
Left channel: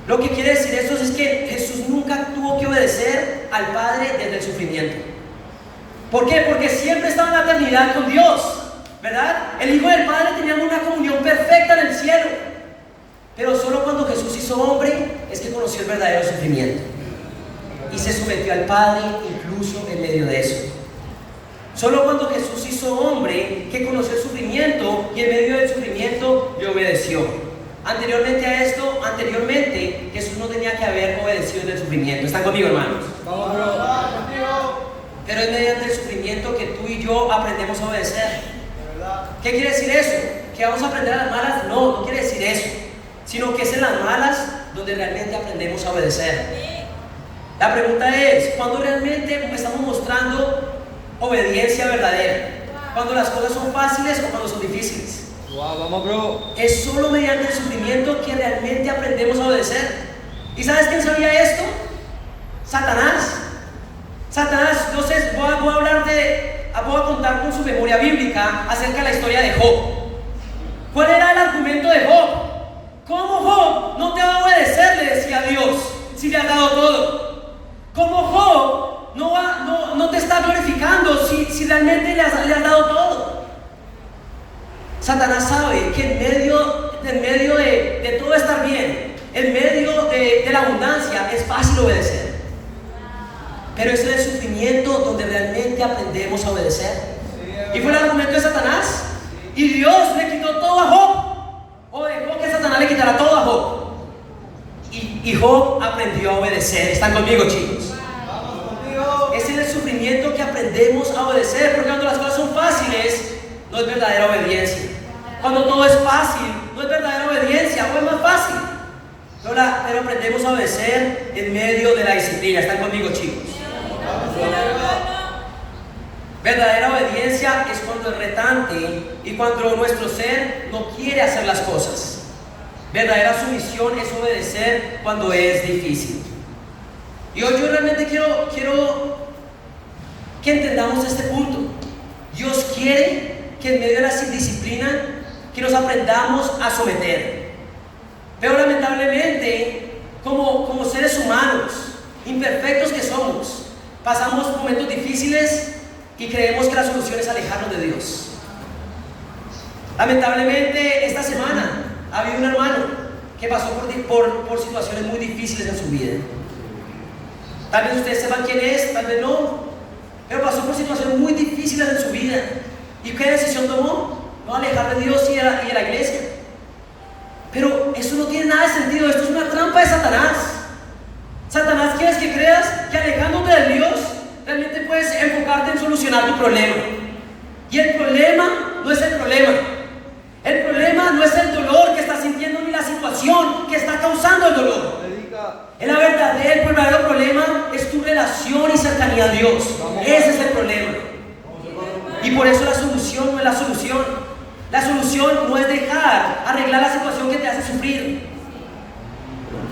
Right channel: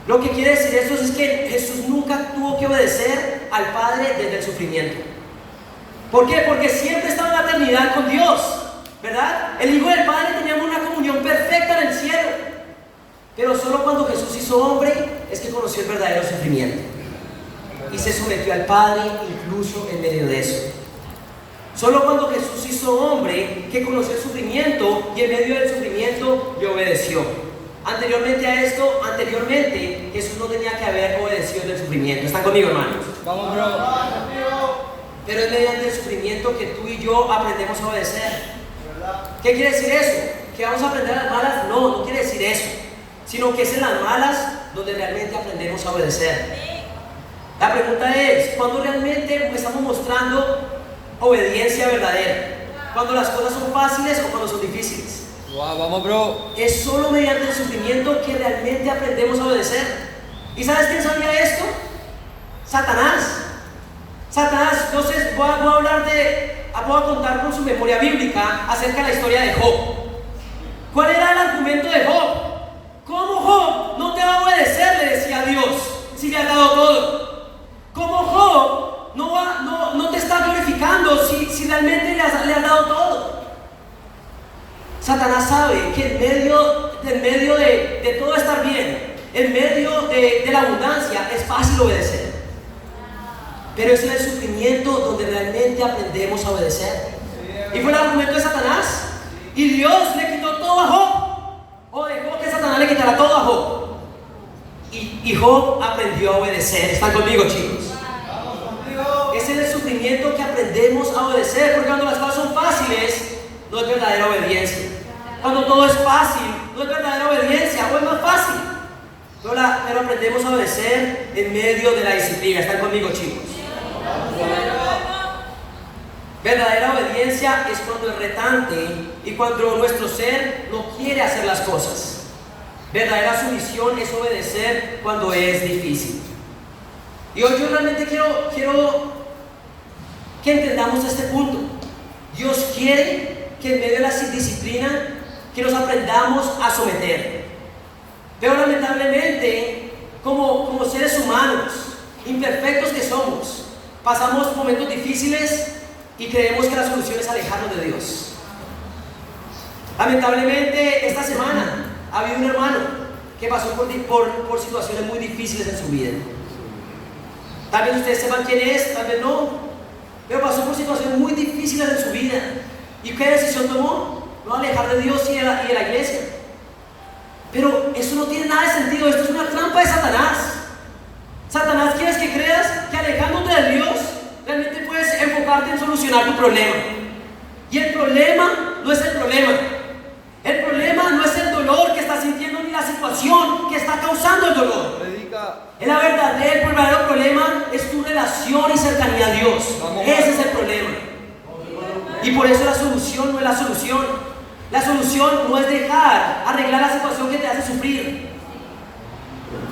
Lo que quiere decir esto es que Jesús nunca tuvo que obedecer al Padre desde el sufrimiento. ¿Por qué? Porque siempre estaba en la eternidad con Dios, ¿verdad? El Hijo del Padre tenía una comunión perfecta en el cielo. Pero solo cuando Jesús hizo hombre es que conoció el verdadero sufrimiento. Y se sometió al Padre incluso en medio de eso. Solo cuando Jesús hizo hombre que conoció el sufrimiento y en medio del sufrimiento le obedeció. Anteriormente a esto, Jesús no tenía que haber obedecido del sufrimiento. ¿Están conmigo, hermanos? Vamos, bro. Pero es mediante el sufrimiento que tú y yo aprendemos a obedecer. ¿Qué quiere decir eso? que vamos a aprender a las malas, no quiere decir eso, sino que es en las malas donde realmente aprendemos a obedecer. La pregunta es, ¿cuándo realmente estamos mostrando obediencia verdadera? ¿Cuando las cosas son fáciles o cuando son difíciles? Wow, vamos, bro. Es solo mediante el sufrimiento que realmente aprendemos a obedecer. ¿Y sabes quién sabía esto? Satanás. Satanás, entonces voy a contar con su memoria bíblica acerca de la historia de Job. ¿Cuál era el argumento de Job? ¿Cómo Job no te va a obedecer? Le decía a Dios, si le has dado todo. ¿Cómo Job no te está glorificando si realmente le has dado todo? Satanás sabe que en medio de todo estar bien, en medio de la abundancia, es fácil obedecer. Pero es en el sufrimiento donde realmente aprendemos a obedecer. Y fue el argumento de Satanás. Y Dios le quitó todo a Job. O dejó que Satanás le quitara todo a Job. Y Job aprendió a obedecer. ¿Están conmigo, chicos? Es en el sufrimiento que aprendemos a obedecer. Porque cuando las cosas son fáciles, no es verdadera obediencia. Cuando todo es fácil, no es verdadera obediencia. O es más fácil. Pero aprendemos a obedecer en medio de la disciplina. ¿Están conmigo, chicos? Verdadera obediencia es cuando es retante y cuando nuestro ser no quiere hacer las cosas. Verdadera sumisión es obedecer cuando es difícil. Y hoy yo realmente quiero que entendamos este punto. Dios quiere que en medio de la disciplina que nos aprendamos a someter. Pero lamentablemente, como seres humanos, imperfectos que somos, pasamos momentos difíciles y creemos que la solución es alejarnos de Dios. Lamentablemente, esta semana ha habido un hermano que pasó por situaciones muy difíciles en su vida. Tal vez ustedes sepan quién es, tal vez no, pero pasó por situaciones muy difíciles en su vida. ¿Y qué decisión tomó? No alejar de Dios y de la iglesia. Pero eso no tiene nada de sentido. Esto es una trampa de Satanás. Satanás quiere que creas que alejándote de Dios realmente puedes enfocarte en solucionar tu problema. Y el problema no es el problema. El problema no es el dolor que estás sintiendo ni la situación que está causando el dolor. El verdadero problema es tu relación y cercanía a Dios. Ese es el problema. Y por eso la solución no es la solución. La solución no es arreglar la situación que te hace sufrir.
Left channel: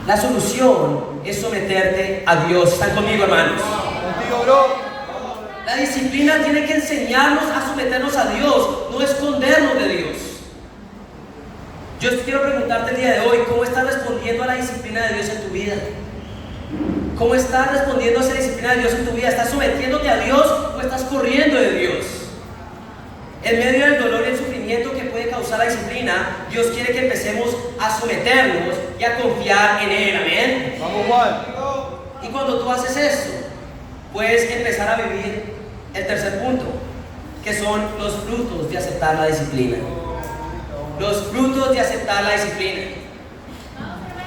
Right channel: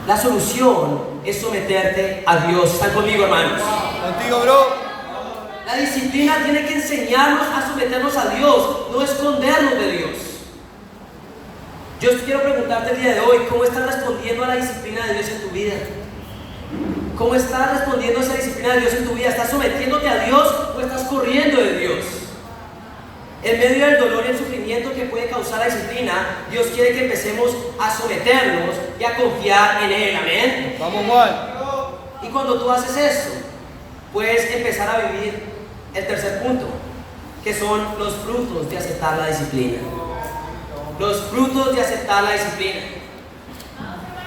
La solución es someterte a Dios. ¿Están conmigo, hermanos? Contigo, bro. La disciplina tiene que enseñarnos a someternos a Dios, no escondernos de Dios. Yo quiero preguntarte el día de hoy, ¿cómo estás respondiendo a la disciplina de Dios en tu vida? ¿Cómo estás respondiendo a esa disciplina de Dios en tu vida? ¿Estás sometiéndote a Dios o estás corriendo de Dios? En medio del dolor y el sufrimiento que puede causar la disciplina, Dios quiere que empecemos a someternos y a confiar en Él. Amén. Vamos, Juan. Y cuando tú haces esto, puedes empezar a vivir el tercer punto, que son los frutos de aceptar la disciplina. Los frutos de aceptar la disciplina.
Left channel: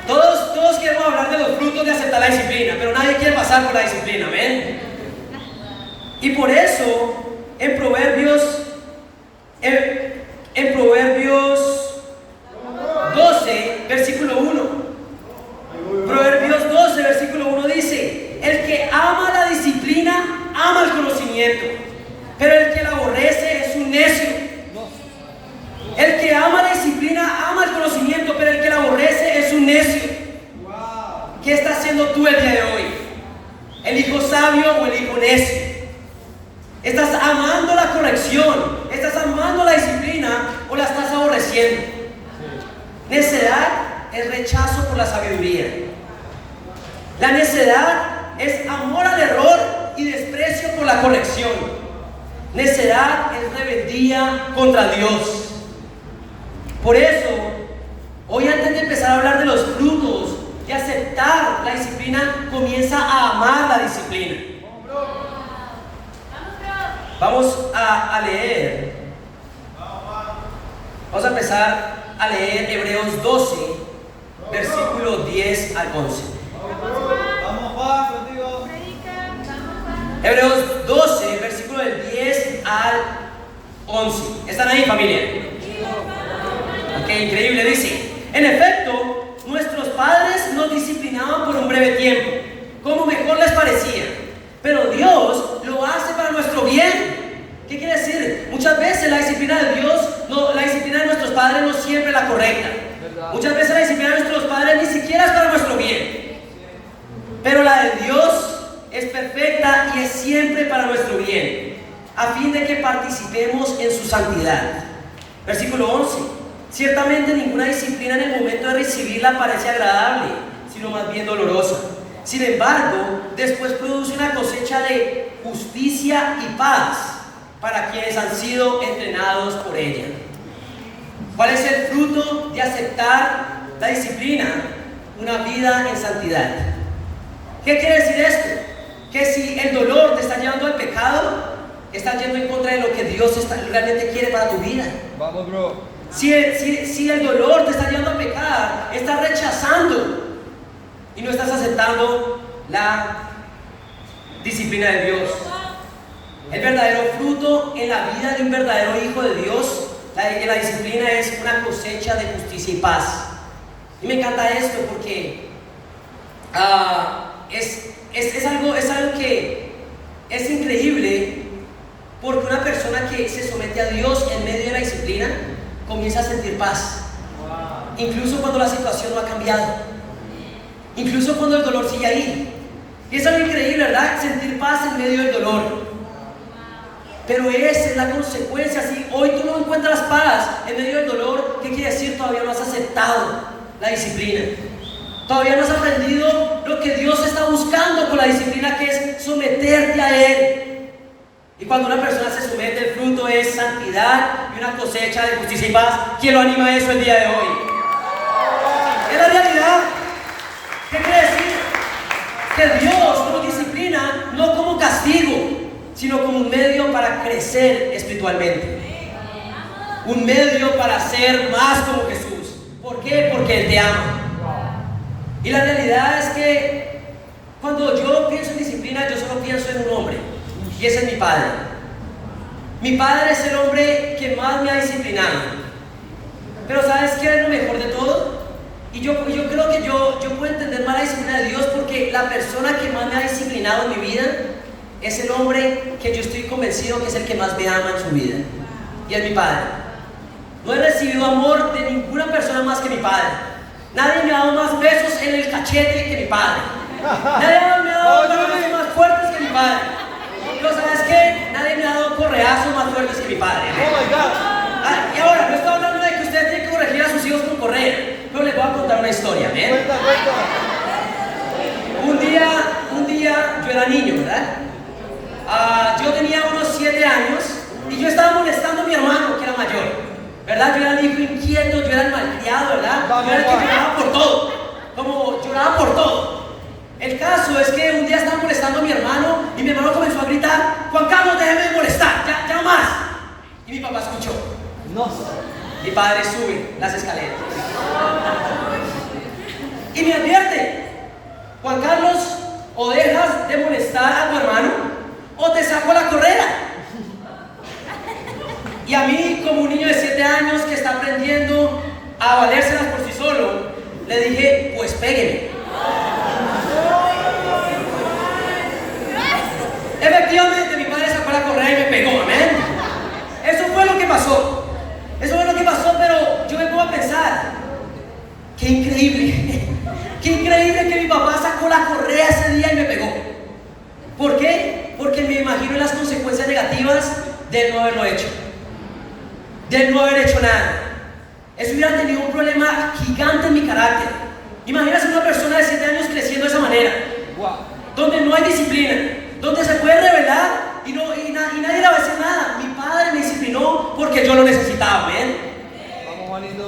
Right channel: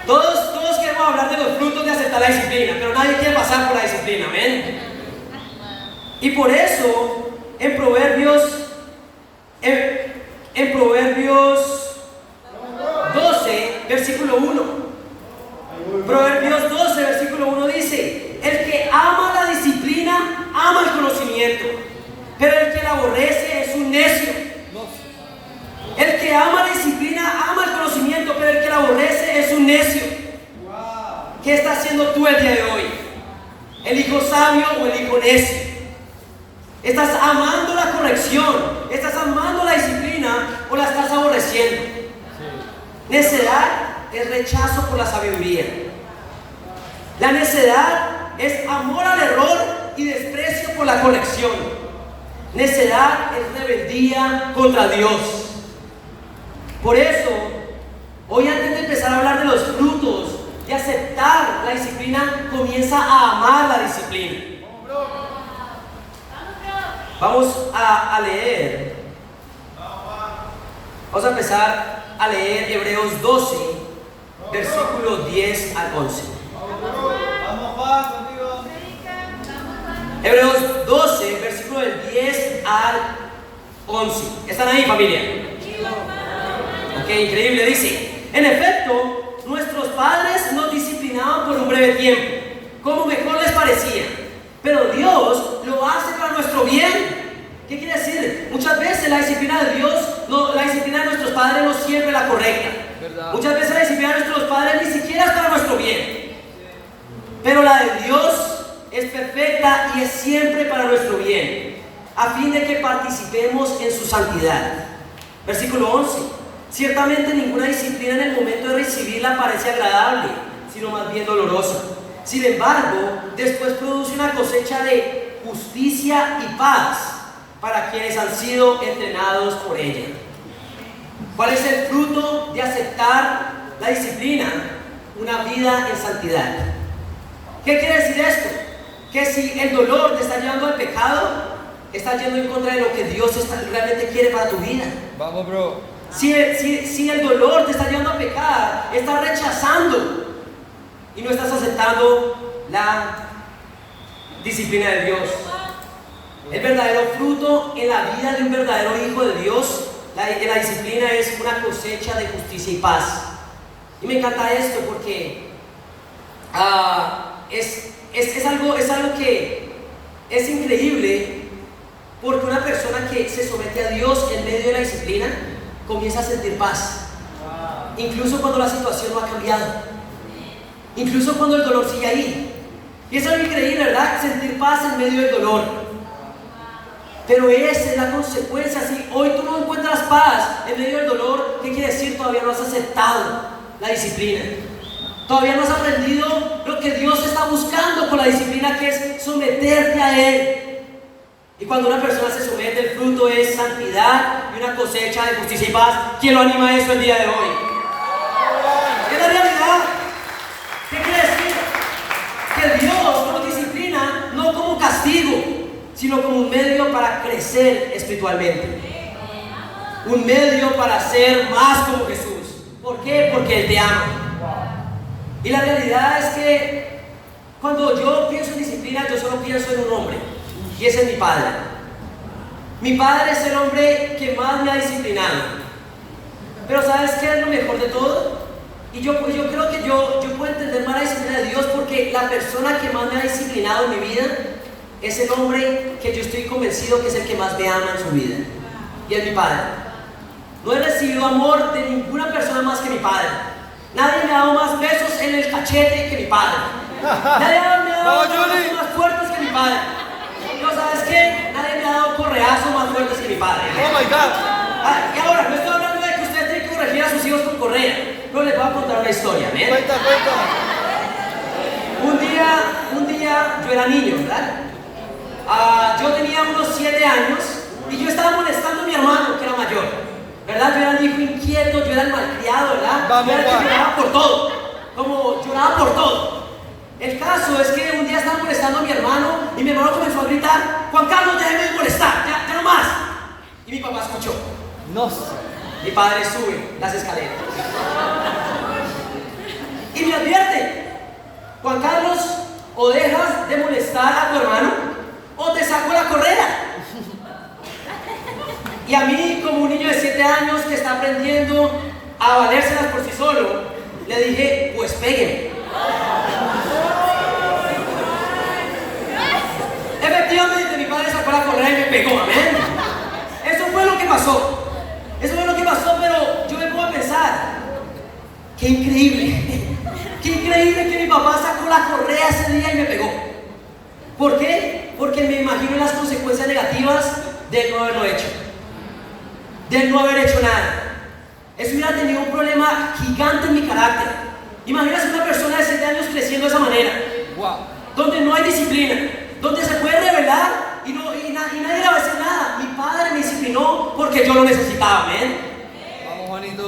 Todos queremos hablar de los frutos de aceptar la disciplina, pero nadie quiere pasar por la disciplina. Amén. Y por eso, en Proverbios 12, versículo 1. Proverbios 12, versículo 1 dice: el que ama la disciplina, ama el conocimiento, pero el que la aborrece es un necio. El que ama la disciplina, ama el conocimiento, pero el que la aborrece es un necio. ¿Qué estás haciendo tú el día de hoy? ¿El hijo sabio o el hijo necio? ¿Estás amando la corrección? ¿Estás amando la disciplina o la estás aborreciendo? Necedad es rechazo por la sabiduría. La necedad es amor al error y desprecio por la corrección. Necedad es rebeldía contra Dios. Por eso, hoy antes de empezar a hablar de los frutos de aceptar la disciplina, comienza a amar la disciplina. Vamos a leer. Vamos a empezar a leer Hebreos 12, versículos 10 al 11. Vamos, Juan, contigo. Hebreos 12, versículo del 10 al 11. ¿Están ahí, familia? Ok, increíble, dice. En efecto, nuestros padres nos disciplinaban por un breve tiempo, como mejor les parecía. Pero Dios lo hace para nuestro bien. ¿Qué quiere decir? Muchas veces la disciplina de Dios, la disciplina de nuestros padres no siempre es la correcta. ¿Verdad? Muchas veces la disciplina de nuestros padres ni siquiera es para nuestro bien. Pero la de Dios es perfecta y es siempre para nuestro bien, a fin de que participemos en su santidad. Versículo 11. Ciertamente ninguna disciplina en el momento de recibirla parece agradable, sino más bien dolorosa. Sin embargo, después produce una cosecha de justicia y paz para quienes han sido entrenados por ella. ¿Cuál es el fruto de aceptar la disciplina? Una vida en santidad. ¿Qué quiere decir esto? Que si el dolor te está llevando al pecado, estás yendo en contra de lo que Dios realmente quiere para tu vida. Vamos, bro. Si el dolor te está llevando a pecar, estás rechazando y no estás aceptando la disciplina de Dios. El verdadero fruto en la vida de un verdadero hijo de Dios, la disciplina es una cosecha de justicia y paz. Y me encanta esto porque es algo que es increíble, porque una persona que se somete a Dios en medio de la disciplina comienza a sentir paz, incluso cuando la situación no ha cambiado, incluso cuando el dolor sigue ahí. Y es algo increíble, ¿verdad? Sentir paz en medio del dolor. Pero esa es la consecuencia. Si hoy tú no encuentras paz en medio del dolor, ¿qué quiere decir? Todavía no has aceptado la disciplina. Todavía no has aprendido lo que Dios está buscando con la disciplina, que es someterte a Él. Y cuando una persona se somete, el fruto es santidad y una cosecha de justicia y paz. ¿Quién lo anima a eso el día de hoy? Es la realidad. ¿Qué quiere decir? Que Dios nos disciplina no como castigo, sino como un medio para crecer espiritualmente. Un medio para ser más como Jesús. ¿Por qué? Porque Él te ama. Y la realidad es que cuando yo pienso en disciplina, yo solo pienso en un hombre, y ese es mi padre. Mi padre es el hombre que más me ha disciplinado. Pero ¿sabes qué es lo mejor de todo? Y yo creo que yo puedo entender más la disciplina de Dios, porque la persona que más me ha disciplinado en mi vida es el hombre que yo estoy convencido que es el que más me ama en su vida, y es mi padre. No he recibido amor de ninguna persona más que mi padre. Nadie me ha dado más besos en el cachete que mi padre. Nadie me ha dado abrazos más fuertes que mi padre. ¿No sabes qué? Nadie me ha dado correazos más fuertes que mi padre. Oh my God. Y ahora, no estoy hablando de que usted tiene que corregir a sus hijos con correa, pero les voy a contar una historia, ¿ven? Cuenta. Un día yo era niño, ¿verdad? Yo tenía unos 7 años y yo estaba molestando a mi hermano, que era mayor, ¿verdad? Yo era el hijo inquieto, yo era el malcriado, ¿verdad? Yo era el que lloraba por todo, como lloraba por todo. El caso es que un día estaba molestando a mi hermano y mi hermano comenzó a gritar: Juan Carlos, déjeme de molestar, ya no más. Y mi papá escuchó. No. Mi padre sube las escaleras y me advierte: Juan Carlos, o dejas de molestar a tu hermano o te saco la correa. Y a mí, como un niño de 7 años que está aprendiendo a valérselas por sí solo, le dije: pues pégueme. Efectivamente, mi padre sacó la correa y me pegó, amén. Eso fue lo que pasó. Pero yo me pongo a pensar: qué increíble. Qué increíble que mi papá sacó la correa ese día y me pegó. ¿Por qué? Porque me imagino las consecuencias negativas de no haberlo hecho, de no haber hecho nada. Eso hubiera tenido un problema gigante en mi carácter. Imagínate una persona de 7 años creciendo de esa manera, donde no hay disciplina, donde se puede rebelar y nadie le va a decir nada. Mi padre me disciplinó porque yo lo necesitaba, ¿ven?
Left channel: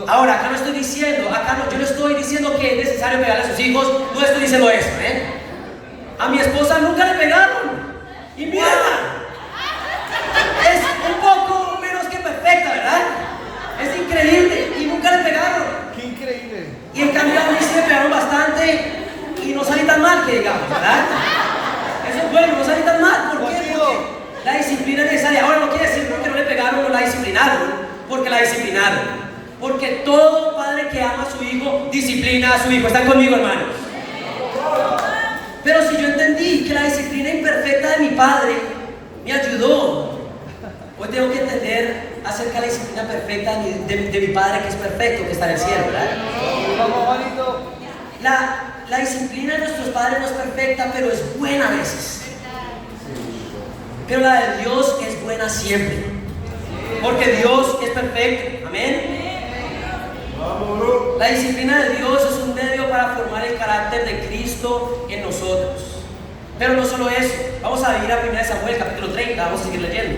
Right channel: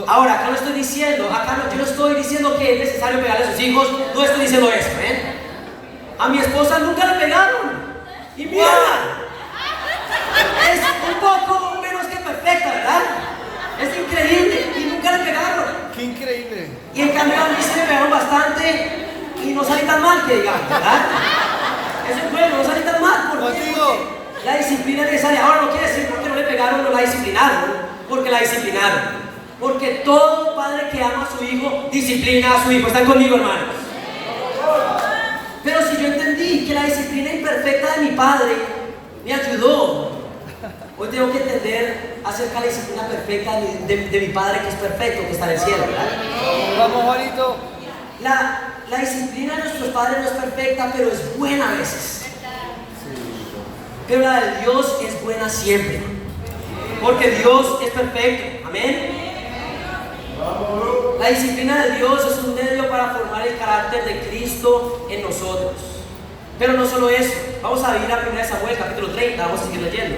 Ahora, acá no estoy diciendo, yo no estoy diciendo que es necesario pegarle a sus hijos, no estoy diciendo eso, ¿eh? A mi esposa nunca le pegaron, y mierda, es un poco menos que perfecta, ¿verdad? Es increíble, y nunca le pegaron. Qué increíble. Y en cambio a mí se me pegaron bastante, y no salí tan mal, que digamos, ¿verdad? Eso es bueno, no salí tan mal, ¿por qué? Porque la disciplina es necesaria. Ahora no quiere decir porque no le pegaron, no la disciplinaron, porque la disciplinaron. Porque todo padre que ama a su hijo disciplina a su hijo. ¿Están conmigo, hermanos? Pero si yo entendí que la disciplina imperfecta de mi padre me ayudó, hoy tengo que entender acerca de la disciplina perfecta de mi padre, que es perfecto, que está en el cielo, ¿verdad? Vamos, Juanito. La disciplina de nuestros padres no es perfecta, pero es buena a veces. Pero la de Dios es buena siempre. Porque Dios es perfecto. Amén. La disciplina de Dios es un medio para formar el carácter de Cristo en nosotros. Pero no solo eso. Vamos a ir a 1 Samuel, capítulo 30. Vamos a seguir leyendo.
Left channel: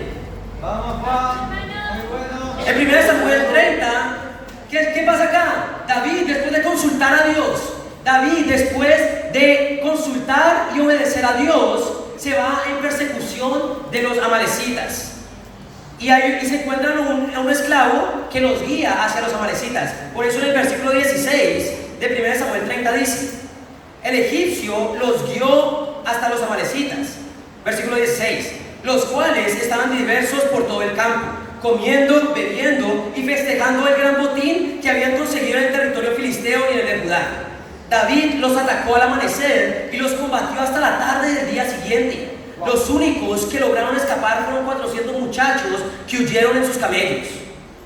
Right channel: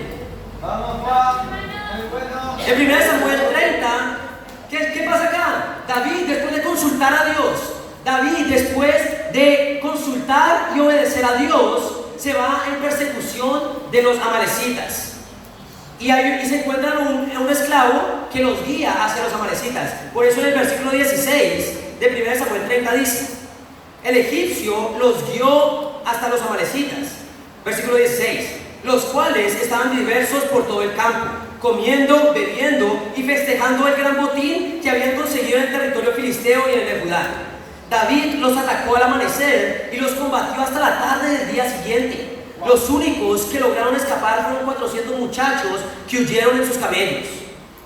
Vamos, Juan. Muy bueno. En 1 Samuel 30, ¿qué pasa acá? David, después de consultar a Dios, David, después de consultar y obedecer a Dios, se va en persecución de los amalecitas. Y ahí se encuentran un esclavo que los guía hacia los amalecitas. Por eso en el versículo 16 de 1 Samuel 30 dice: el egipcio los guió hasta los amalecitas. Versículo 16: los cuales estaban dispersos por todo el campo, comiendo, bebiendo y festejando el gran botín que habían conseguido en el territorio filisteo y en el de Judá. David los atacó al amanecer y los combatió hasta la tarde del día siguiente. Los únicos que lograron escapar fueron 400 muchachos que huyeron en sus camellos.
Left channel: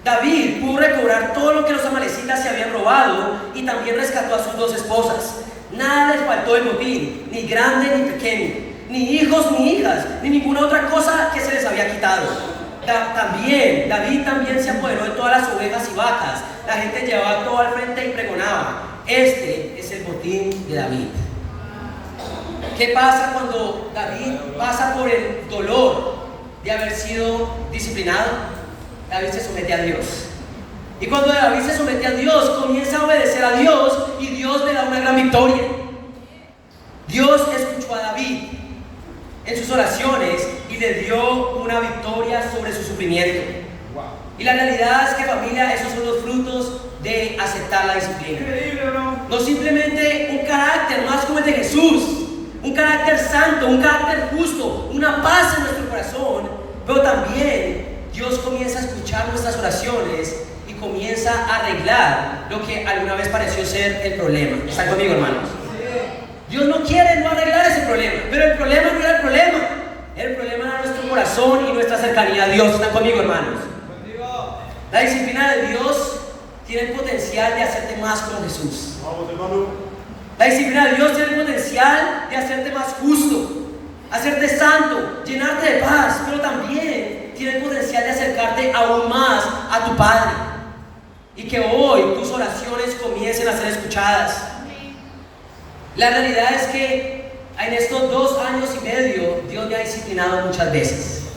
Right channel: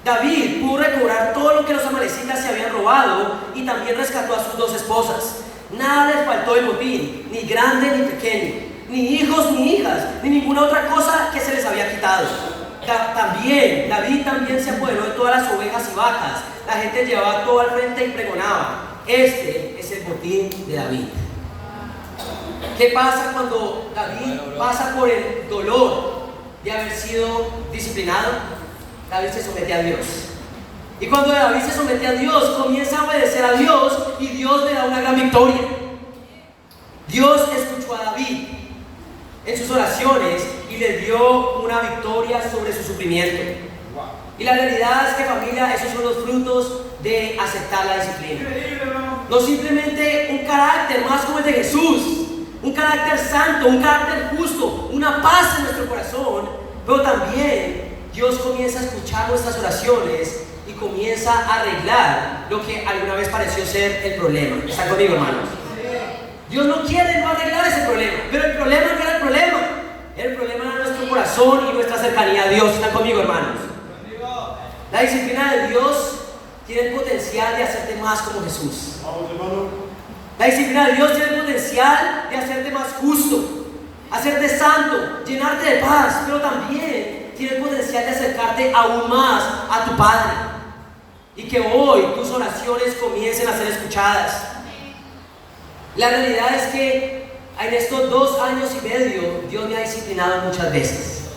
David pudo recobrar todo lo que los amalecitas se habían robado y también rescató a sus 2 esposas. Nada les faltó del botín, ni grande ni pequeño, ni hijos ni hijas, ni ninguna otra cosa que se les había quitado. David también se apoderó de todas las ovejas y vacas. La gente llevaba todo al frente y pregonaba: este es el botín de David. ¿Qué pasa cuando David pasa por el dolor de haber sido disciplinado? David se somete a Dios. Y cuando David se somete a Dios, comienza a obedecer a Dios y Dios le da una gran victoria. Dios escuchó a David en sus oraciones y le dio una victoria sobre su sufrimiento. Y la realidad es que, familia, esos son los frutos de aceptar la disciplina. Increíble, bro. No simplemente un carácter más como el de Jesús, un carácter santo, un carácter justo, una paz en nuestro corazón, pero también Dios comienza a escuchar nuestras oraciones y comienza a arreglar lo que alguna vez pareció ser el problema. ¿Están conmigo, hermanos? Dios no quiere no arreglar ese problema, pero el problema no era el problema. El problema era nuestro corazón y nuestra cercanía a Dios. ¿Están conmigo, hermanos? La disciplina de Dios tiene el potencial de hacerte más como Jesús. Vamos, hermano. La disciplina de Dios tiene el potencial de hacerte más justo, hacerte santo, llenarte de paz, pero también tiene el potencial de acercarte aún más a tu Padre y que hoy tus oraciones comiencen a ser escuchadas. La realidad es que en estos 2 años y medio Dios me ha disciplinado muchas veces.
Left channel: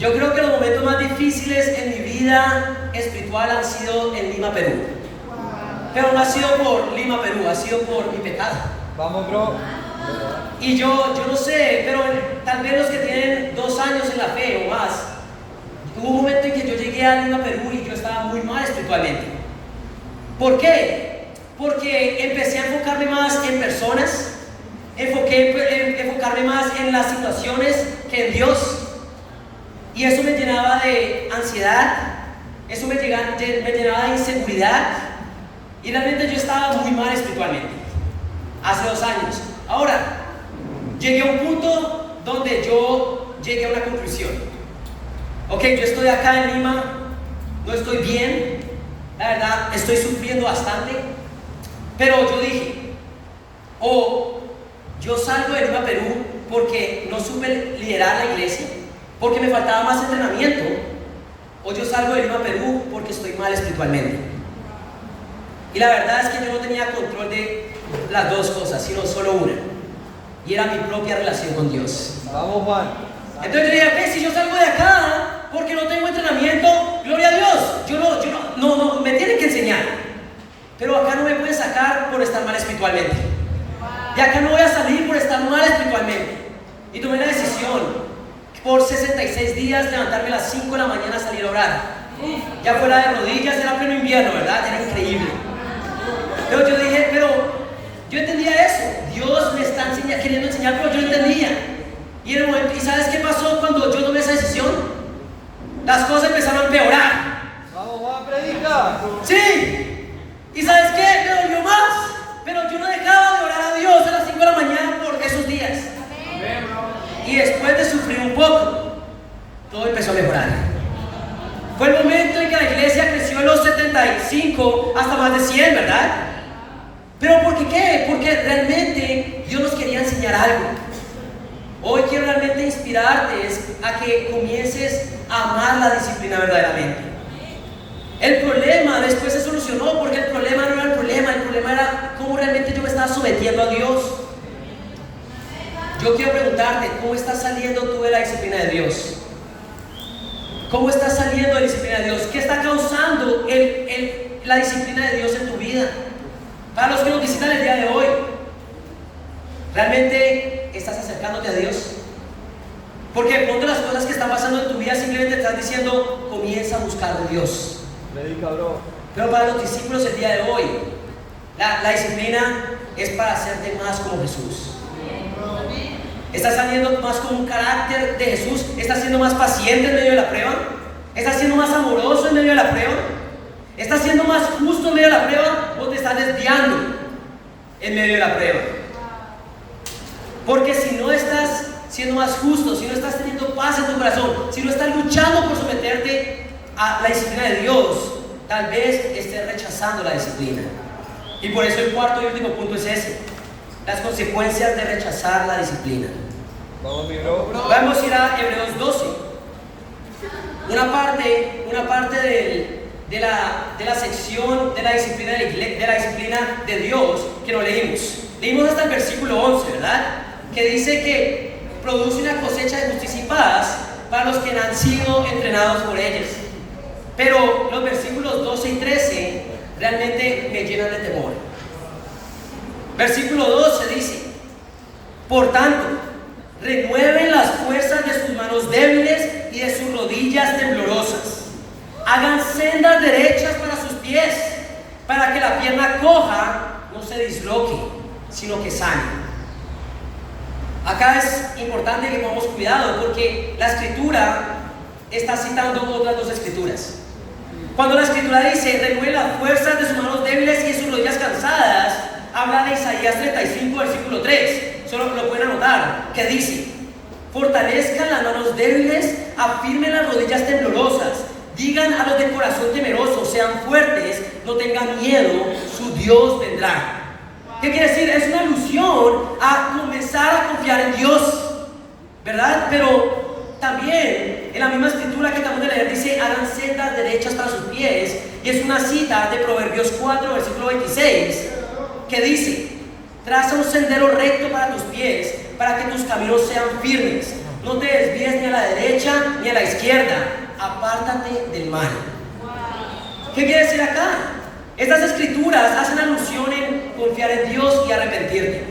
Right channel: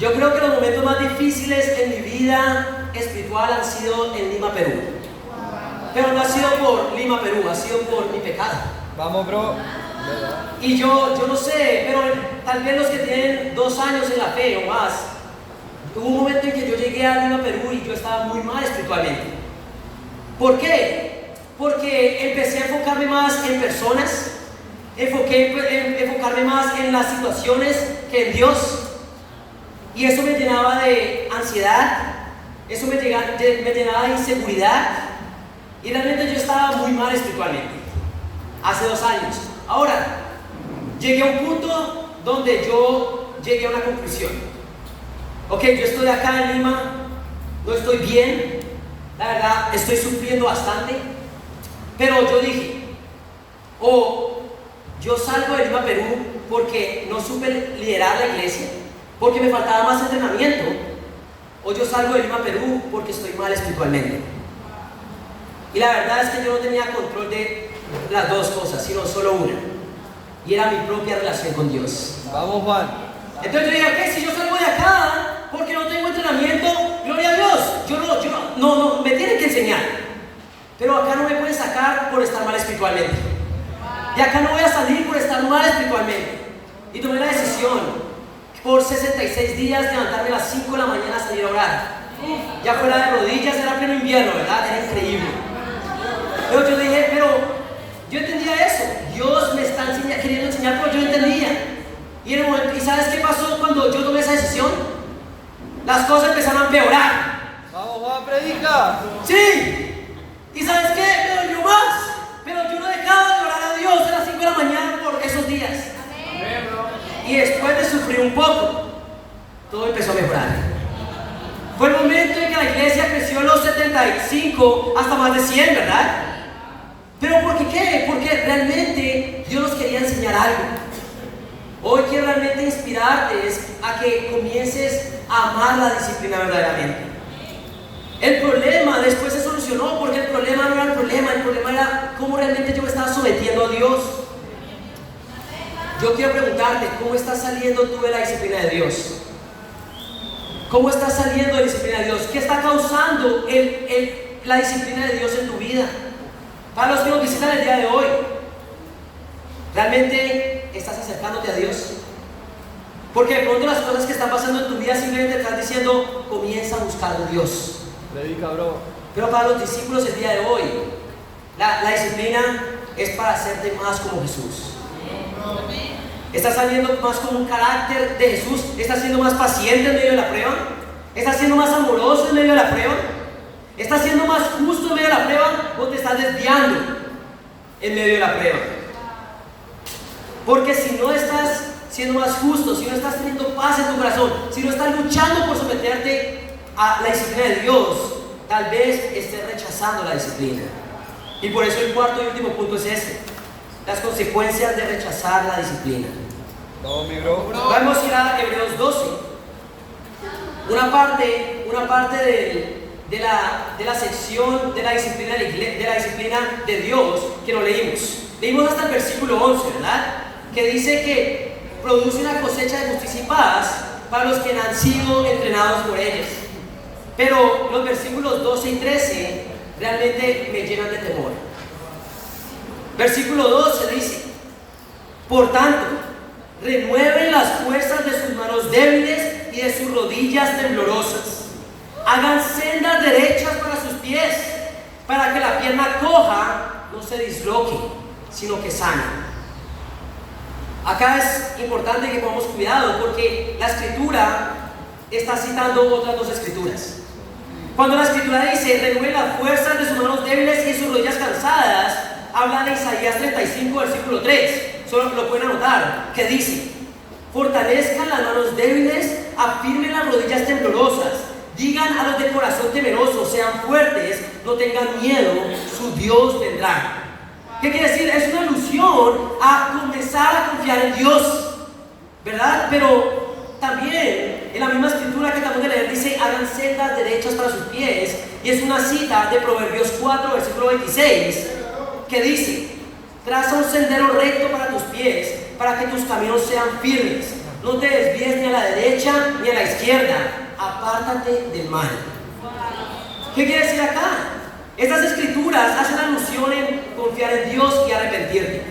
Yo creo que los momentos más difíciles en mi vida espiritual han sido en Lima, Perú. Pero no ha sido por Lima, Perú, ha sido por mi pecado. Vamos, bro. Y yo no sé, pero tal vez los que tienen 2 años en la fe o más, hubo un momento en que yo llegué a Lima, Perú y yo estaba muy mal espiritualmente. ¿Por qué? Porque empecé a enfocarme más en personas, enfocarme más en las situaciones que en Dios. Y eso me llenaba de ansiedad, eso me llenaba de inseguridad. Y realmente yo estaba muy mal espiritualmente, hace 2 años. Ahora, llegué a un punto donde yo llegué a una conclusión. Ok, yo estoy acá en Lima, no estoy bien, la verdad, estoy sufriendo bastante. Pero yo dije, o yo salgo de Lima, Perú, porque no supe liderar la iglesia, porque me faltaba más entrenamiento, o yo salgo de Lima, Perú, porque estoy mal espiritualmente. Y la verdad es que yo no tenía control de las 2 cosas, sino solo una. Y era mi propia relación con Dios. Vamos, Juan. Entonces yo dije, ok, si yo salgo de acá porque no tengo entrenamiento, gloria a Dios. No, me tienen que enseñar. Pero acá no me pueden sacar por estar mal espiritualmente. De acá no voy a salir por estar mal espiritualmente. Y tomé la decisión, por 66 días, levantarme a las 5 de la mañana a salir a orar. Ya fuera de rodillas, era pleno invierno, ¿verdad? Era increíble. Pero yo dije, yo entendía eso. Dios me está queriendo enseñar, pero yo no entendía. Y en el momento, ¿y sabes qué pasó cuando yo tomé esa decisión? Las cosas empezaron a empeorar. Vamos, Juan, predica. ¡Aleluya! Sí. ¿Y sabes qué? Me dolió más. Pero yo no dejaba de orar a Dios a las 5 de la mañana por esos días. Amén, bro. Y después de sufrir un poco, todo empezó a mejorar. Fue el momento en que la iglesia creció en los 75 hasta más de 100, ¿verdad? ¿Pero por qué? Porque realmente Dios nos quería enseñar algo. Hoy quiero realmente inspirarte a que comiences a amar la disciplina verdaderamente. El problema después se solucionó porque el problema no era el problema era cómo realmente yo me estaba sometiendo a Dios. Yo quiero preguntarte, ¿cómo estás saliendo tú de la disciplina de Dios? ¿Cómo estás saliendo de la disciplina de Dios? ¿Qué está causando la disciplina de Dios en tu vida? Para los que nos visitan el día de hoy, ¿realmente estás acercándote a Dios? Porque de pronto las cosas que están pasando en tu vida simplemente te están diciendo, comienza a buscar de Dios. Predica, bro. Pero para los discípulos el día de hoy, la disciplina es para hacerte más como Jesús. ¿Estás saliendo más con un carácter de Jesús? ¿Estás siendo más paciente en medio de la prueba? ¿Estás siendo más amoroso en medio de la prueba? ¿Estás siendo más justo en medio de la prueba o te estás desviando en medio de la prueba? Porque si no estás siendo más justo, si no estás teniendo paz en tu corazón, si no estás luchando por someterte a la disciplina de Dios, tal vez estés rechazando la disciplina. Y por eso el cuarto y último punto es ese: las consecuencias de rechazar la disciplina. Vamos, mi bro. Vamos a ir a Hebreos 12. Una parte de la sección de la disciplina de Dios que no leímos. Leímos hasta el versículo 11, ¿verdad? Que dice que produce una cosecha de justicia y paz para los que han sido entrenados por ellos. Pero los versículos 12 y 13 realmente me llenan de temor. Versículo 12 dice: por tanto, renueven las fuerzas de sus manos débiles y de sus rodillas temblorosas. Hagan sendas derechas para sus pies, para que la pierna coja no se disloque, sino que sane. Acá es importante que pongamos cuidado porque la escritura está citando otras dos escrituras. Cuando la escritura dice renueven las fuerzas de sus manos débiles y de sus rodillas cansadas, habla de Isaías 35, versículo 3. Solo lo pueden anotar, que dice: fortalezcan las manos débiles, afirmen las rodillas temblorosas, digan a los de corazón temeroso, sean fuertes, no tengan miedo, su Dios vendrá. ¿Qué quiere decir? Es una alusión a comenzar a confiar en Dios, ¿verdad? Pero también en la misma escritura que acabamos de leer dice: hagan sendas derechas para sus pies, y es una cita de Proverbios 4, versículo 26, que dice: traza un sendero recto para tus pies, para que tus caminos sean firmes. No te desvíes ni a la derecha ni a la izquierda. Apártate del mal. ¿Qué quiere decir acá? Estas escrituras hacen alusión en confiar en Dios y arrepentirte.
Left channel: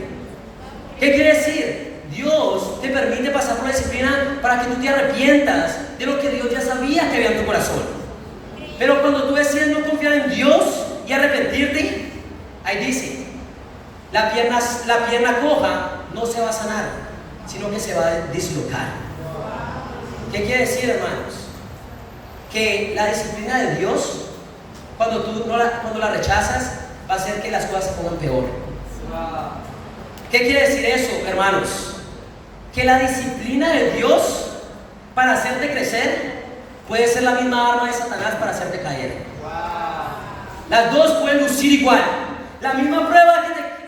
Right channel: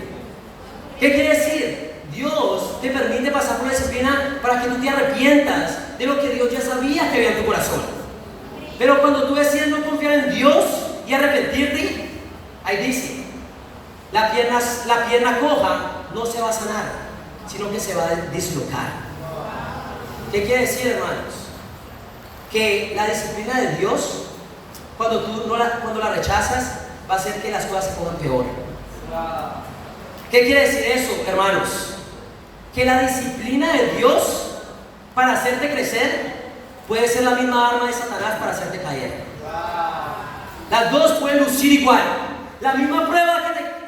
¿Qué quiere decir? Dios te permite pasar por la disciplina para que tú te arrepientas de lo que Dios ya sabía que había en tu corazón. Pero cuando tú decides no confiar en Dios y arrepentirte, ahí dice: la pierna coja no se va a sanar, sino que se va a dislocar. ¿Qué quiere decir, hermanos? Que la disciplina de Dios, cuando la rechazas, va a hacer que las cosas se pongan peor. ¿Qué quiere decir eso, hermanos? Que la disciplina de Dios para hacerte crecer puede ser la misma arma de Satanás para hacerte caer. Las dos pueden lucir igual. La misma prueba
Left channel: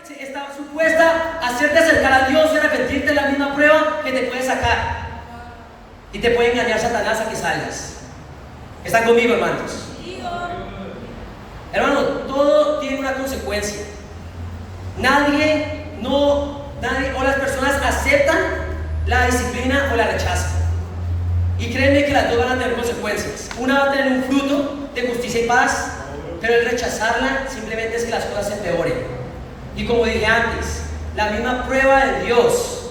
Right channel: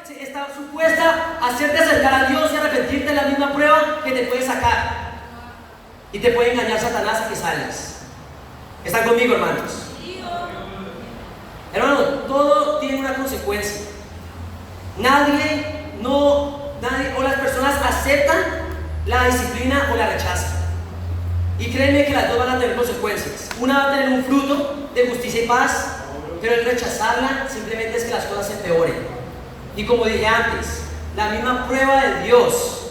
que está supuesta a hacerte acercar a Dios y arrepentirte es la misma prueba que te puede sacar y te puede engañar Satanás a que salgas. ¿Están conmigo, hermanos? Hermano, todo tiene una consecuencia. Nadie o las personas aceptan la disciplina o la rechazan. Y créanme que las dos van a tener consecuencias. Una va a tener un fruto de justicia y paz, pero el rechazarla simplemente es que las cosas se empeoren. Y como dije antes, la misma prueba de Dios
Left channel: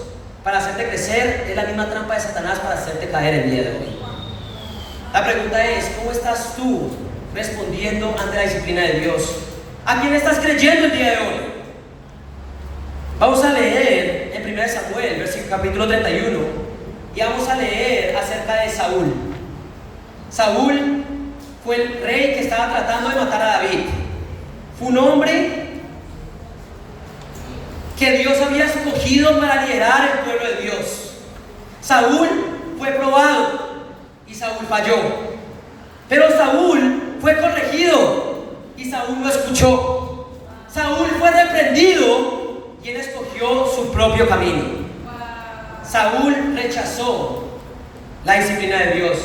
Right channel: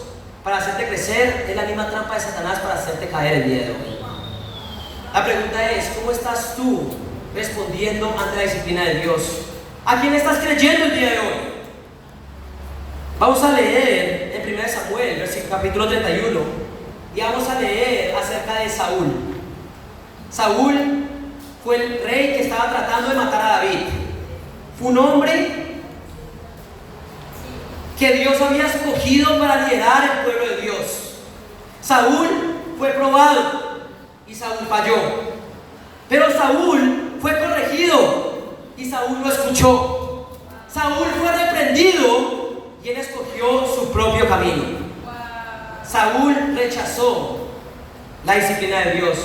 para hacerte crecer es la misma trampa de Satanás para hacerte caer el día de hoy. La pregunta es: ¿cómo estás tú respondiendo ante la disciplina de Dios? ¿A quién estás creyendo el día de hoy? Vamos a leer en 1 Samuel, capítulo 31, y vamos a leer acerca de Saúl. Saúl fue el rey que estaba tratando de matar a David. Fue un hombre que Dios había escogido para liderar el pueblo de Dios. Saúl fue probado y Saúl falló. Pero Saúl fue corregido y Saúl no escuchó. Saúl fue reprendido y él escogió su propio camino. Saúl rechazó la disciplina de Dios.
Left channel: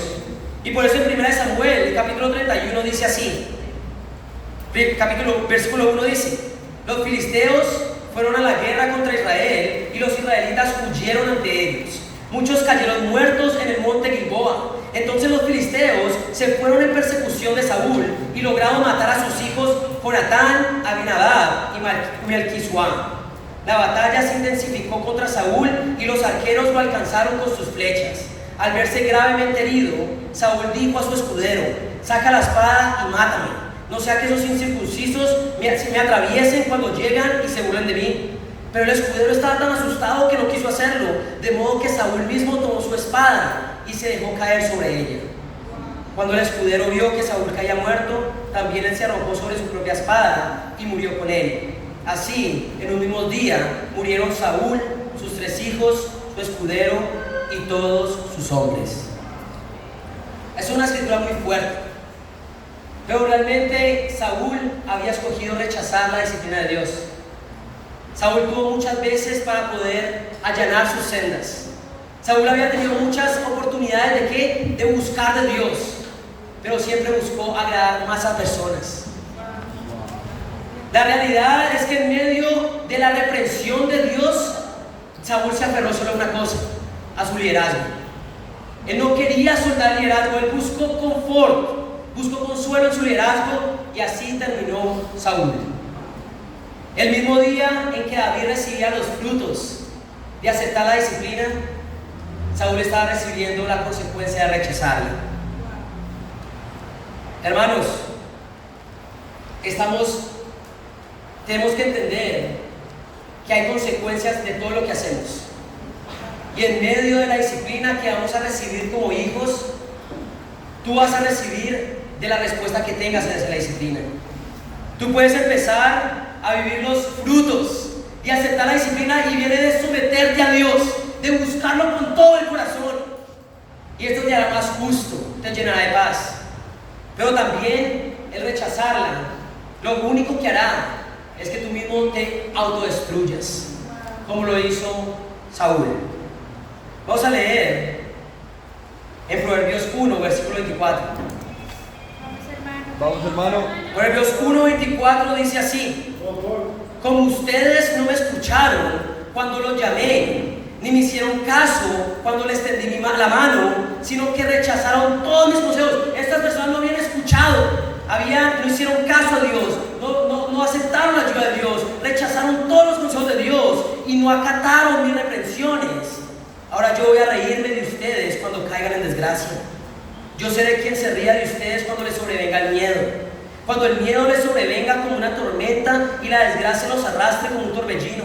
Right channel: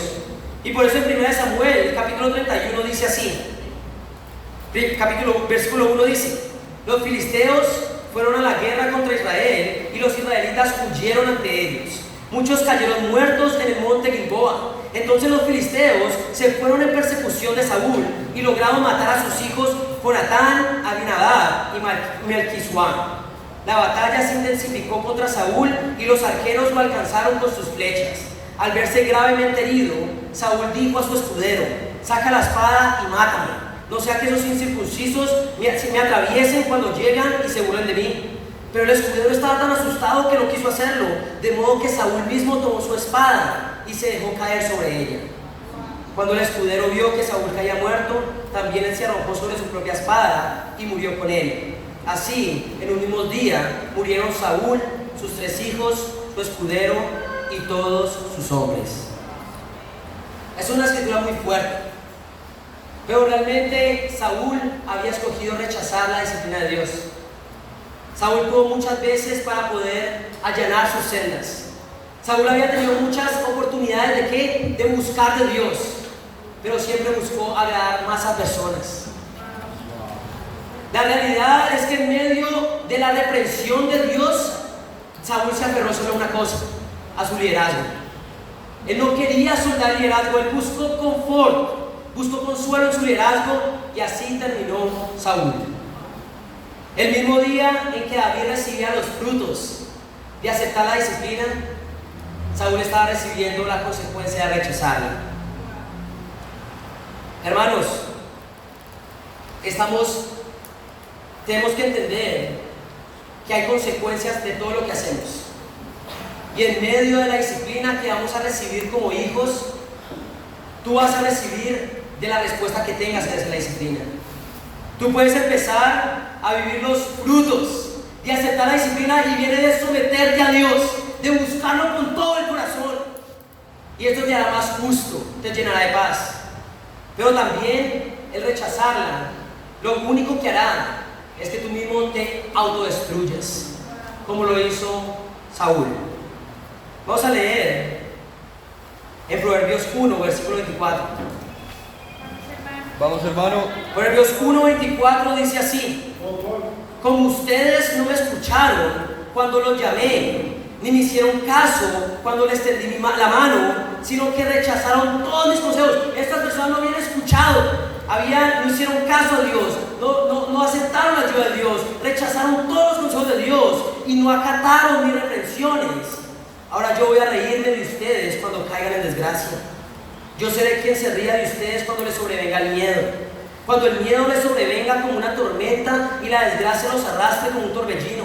Y por eso en 1 Samuel, capítulo 31, dice así. Versículo 1 dice: los filisteos fueron a la guerra contra Israel y los israelitas huyeron ante ellos. Muchos cayeron muertos en el monte Gilboa. Entonces los filisteos se fueron en persecución de Saúl y lograron matar a sus hijos Jonatán, Abinadab y Melquisuá. La batalla se intensificó contra Saúl y los arqueros lo alcanzaron con sus flechas. Al verse gravemente herido, Saúl dijo a su escudero: saca la espada y mátame, no sea que esos incircuncisos me atraviesen cuando llegan y se burlen de mí. Pero el escudero estaba tan asustado que no quiso hacerlo, de modo que Saúl mismo tomó su espada y se dejó caer sobre ella. Cuando el escudero vio que Saúl caía muerto, también él se arrojó sobre su propia espada y murió con él. Así, en un mismo día, murieron Saúl, sus 3 hijos, su escudero y todos sus hombres. Es una escritura muy fuerte, pero realmente Saúl había escogido rechazar la disciplina de Dios. Saúl tuvo muchas veces para poder allanar sus sendas. Saúl había tenido muchas oportunidades ¿de qué? De buscar de Dios, pero siempre buscó agradar más a personas. La realidad es que en medio de la reprensión de Dios, Saúl se aferró solo a una cosa: a su liderazgo. Él no quería soltar el liderazgo, él buscó confort, buscó consuelo en su liderazgo, y así terminó Saúl. El mismo día en que David recibía los frutos de aceptar la disciplina, Saúl estaba recibiendo la consecuencia de rechazarla. Hermanos, tenemos que entender que hay consecuencias de todo lo que hacemos. Y en medio de la disciplina que vamos a recibir como hijos, tú vas a recibir de la respuesta que tengas en esa disciplina. Tú puedes empezar a vivir los frutos y aceptar la disciplina, y viene de someterte a Dios, de buscarlo con todo el corazón. Y esto te hará más justo, te llenará de paz. Pero también el rechazarla, lo único que hará es que tú mismo te autodestruyas, como lo hizo Saúl. Vamos a leer en Proverbios 1, versículo 24. Vamos, hermano. Proverbios 1, 24 dice así: como ustedes no me escucharon cuando los llamé, ni me hicieron caso cuando les tendí la mano, sino que rechazaron todos mis consejos. Estas personas no habían escuchado, no hicieron caso a Dios, no aceptaron la ayuda de Dios, rechazaron todos los consejos de Dios y no acataron mis reprensiones. Ahora yo voy a reírme de ustedes cuando caigan en desgracia. Yo seré quien se ría de ustedes cuando les sobrevenga el miedo. Cuando el miedo les sobrevenga como una tormenta y la desgracia los arrastre como un torbellino.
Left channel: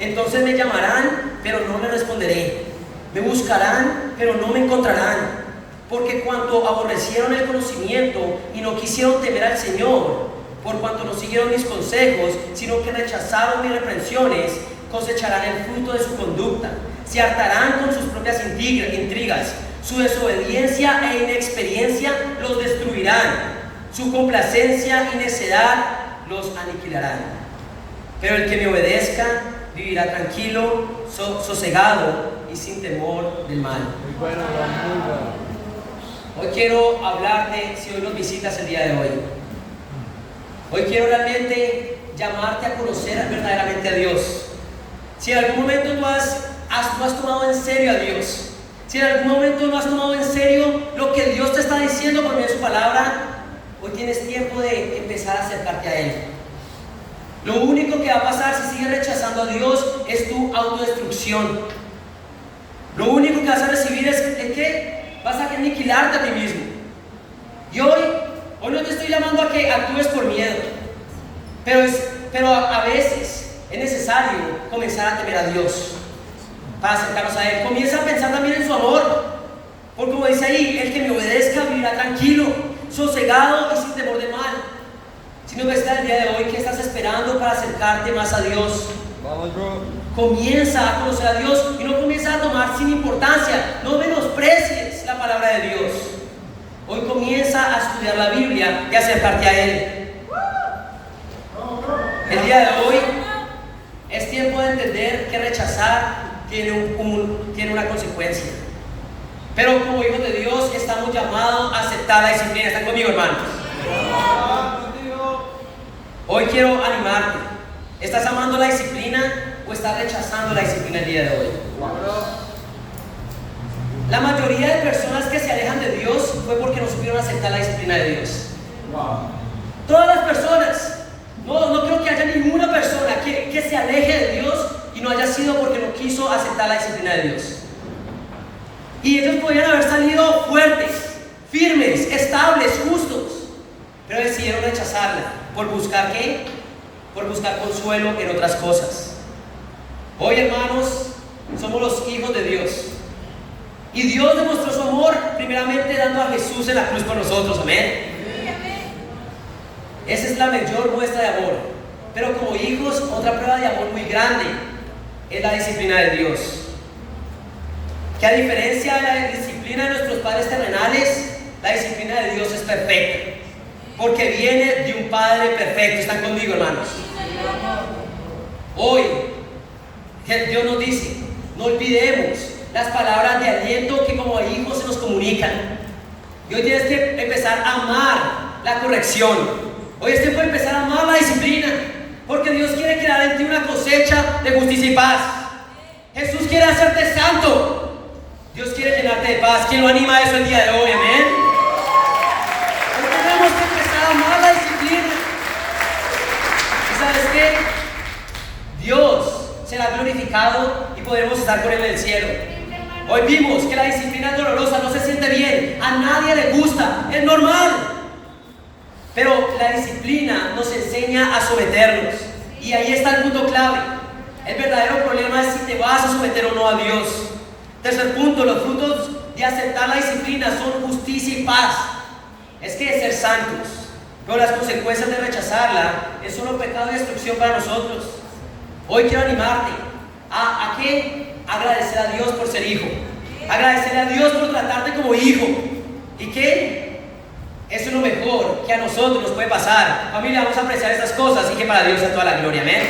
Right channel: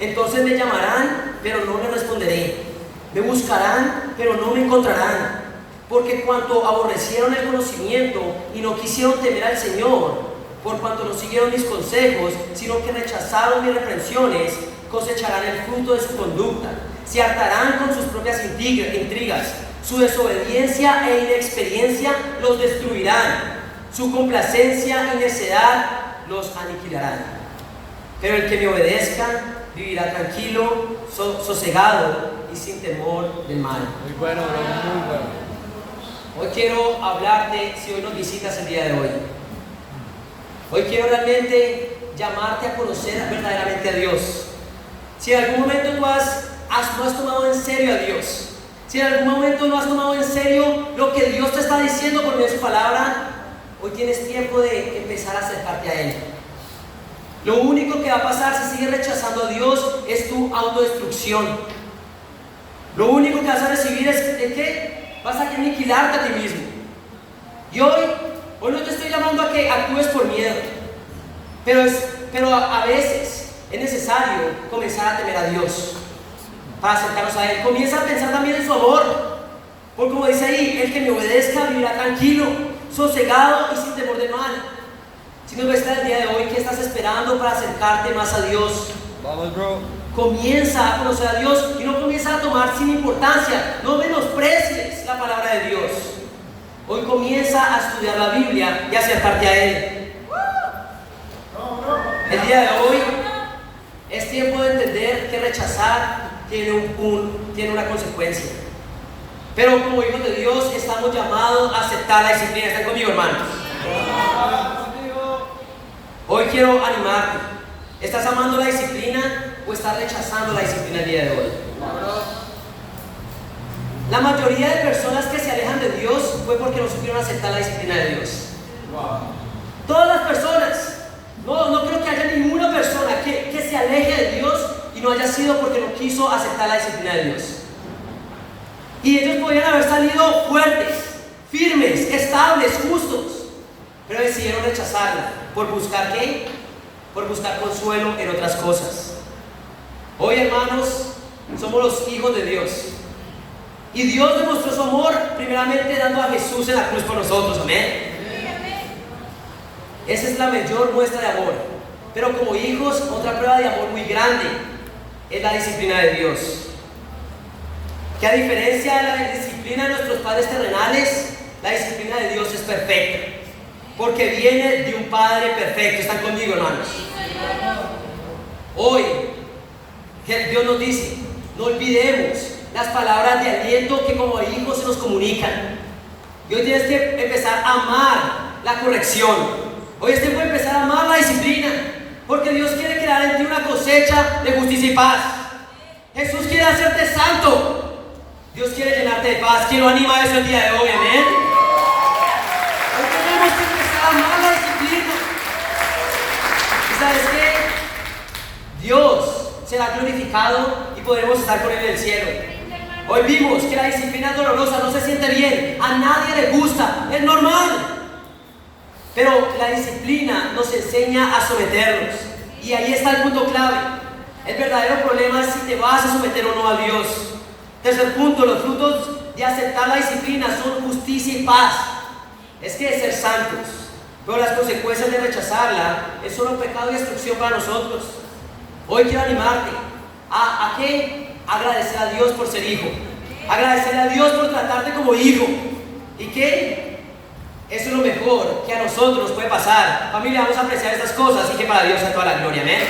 Entonces me llamarán, pero no me responderé. Me buscarán, pero no me encontrarán. Porque cuanto aborrecieron el conocimiento y no quisieron temer al Señor, por cuanto no siguieron mis consejos, sino que rechazaron mis reprensiones, cosecharán el fruto de su conducta. Se hartarán con sus propias intrigas. Su desobediencia e inexperiencia los destruirán. Su complacencia y necedad los aniquilarán. Pero el que me obedezca vivirá tranquilo, sosegado y sin temor del mal. Muy bueno, bro, muy bueno. Hoy quiero hablarte, si hoy nos visitas el día de hoy. Hoy quiero realmente llamarte a conocer verdaderamente a Dios. Si en algún momento tú no has tomado en serio a Dios, si en algún momento no has tomado en serio lo que Dios te está diciendo por medio de su palabra, hoy tienes tiempo de empezar a acercarte a Él. Lo único que va a pasar si sigues rechazando a Dios es tu autodestrucción. Lo único que vas a recibir es que vas a aniquilarte a ti mismo. Y hoy no te estoy llamando a que actúes por miedo, pero a veces es necesario comenzar a temer a Dios para acercarnos a Él. Comienza a pensar también en su amor, porque como dice ahí, el que me obedezca vivirá tranquilo. sosegado y sin temor de mal. Si no está el día de hoy, ¿qué estás esperando para acercarte más a Dios? Vamos, bro. Comienza a conocer a Dios y no comienza a tomar sin importancia. No menosprecies la palabra de Dios. Hoy comienza a estudiar la Biblia y acercarte a Él. El día de hoy es tiempo de entender que rechazar tiene una consecuencia. Pero como hijos de Dios estamos llamados a aceptar la disciplina. ¿Están conmigo, hermanos? Hoy quiero animarte. ¿Estás amando la disciplina o estás rechazando la disciplina el día de hoy? La mayoría de personas que se alejan de Dios fue porque no supieron aceptar la disciplina de Dios. Todas las personas. No creo que haya ninguna persona que se aleje de Dios y no haya sido porque no quiso aceptar la disciplina de Dios. Y ellos podrían haber salido fuertes, firmes, estables, justos, pero decidieron rechazarla. ¿Por buscar qué? Por buscar consuelo en otras cosas. Hoy, hermanos, somos los hijos de Dios. Y Dios demostró su amor primeramente dando a Jesús en la cruz por nosotros. Amén. Esa es la mayor muestra de amor. Pero como hijos, otra prueba de amor muy grande es la disciplina de Dios. Que a diferencia de la disciplina de nuestros padres terrenales, la disciplina de Dios es perfecta. Porque viene de un Padre perfecto. ¿Están conmigo, hermanos? Hoy, Dios nos dice, no olvidemos las palabras de aliento que como hijos se nos comunican. Y hoy tienes que empezar a amar la corrección. Hoy es tiempo de empezar a amar la disciplina. Porque Dios quiere crear en ti una cosecha de justicia y paz. Jesús quiere hacerte santo. Dios quiere llenarte de paz. ¿Quién lo anima a eso el día de hoy? Amén. Hoy tenemos que empezar a amar la disciplina. ¿Y sabes qué? Dios será glorificado y podremos estar con Él en el cielo. Hoy vimos que la disciplina es dolorosa, no se siente bien, a nadie le gusta, es normal. Pero la disciplina nos enseña a someternos. Y ahí está el punto clave. El verdadero problema es si te vas a someter o no a Dios. Tercer punto, los frutos de aceptar la disciplina son justicia y paz. Es que ser santos. Pero las consecuencias de rechazarla es solo pecado y destrucción para nosotros. Hoy quiero animarte a qué agradecer a Dios por ser hijo. Agradecer a Dios por tratarte como hijo. ¿Y qué? Eso es lo mejor que a nosotros nos puede pasar. Familia, vamos a apreciar estas cosas y que para Dios sea toda la gloria. Amén.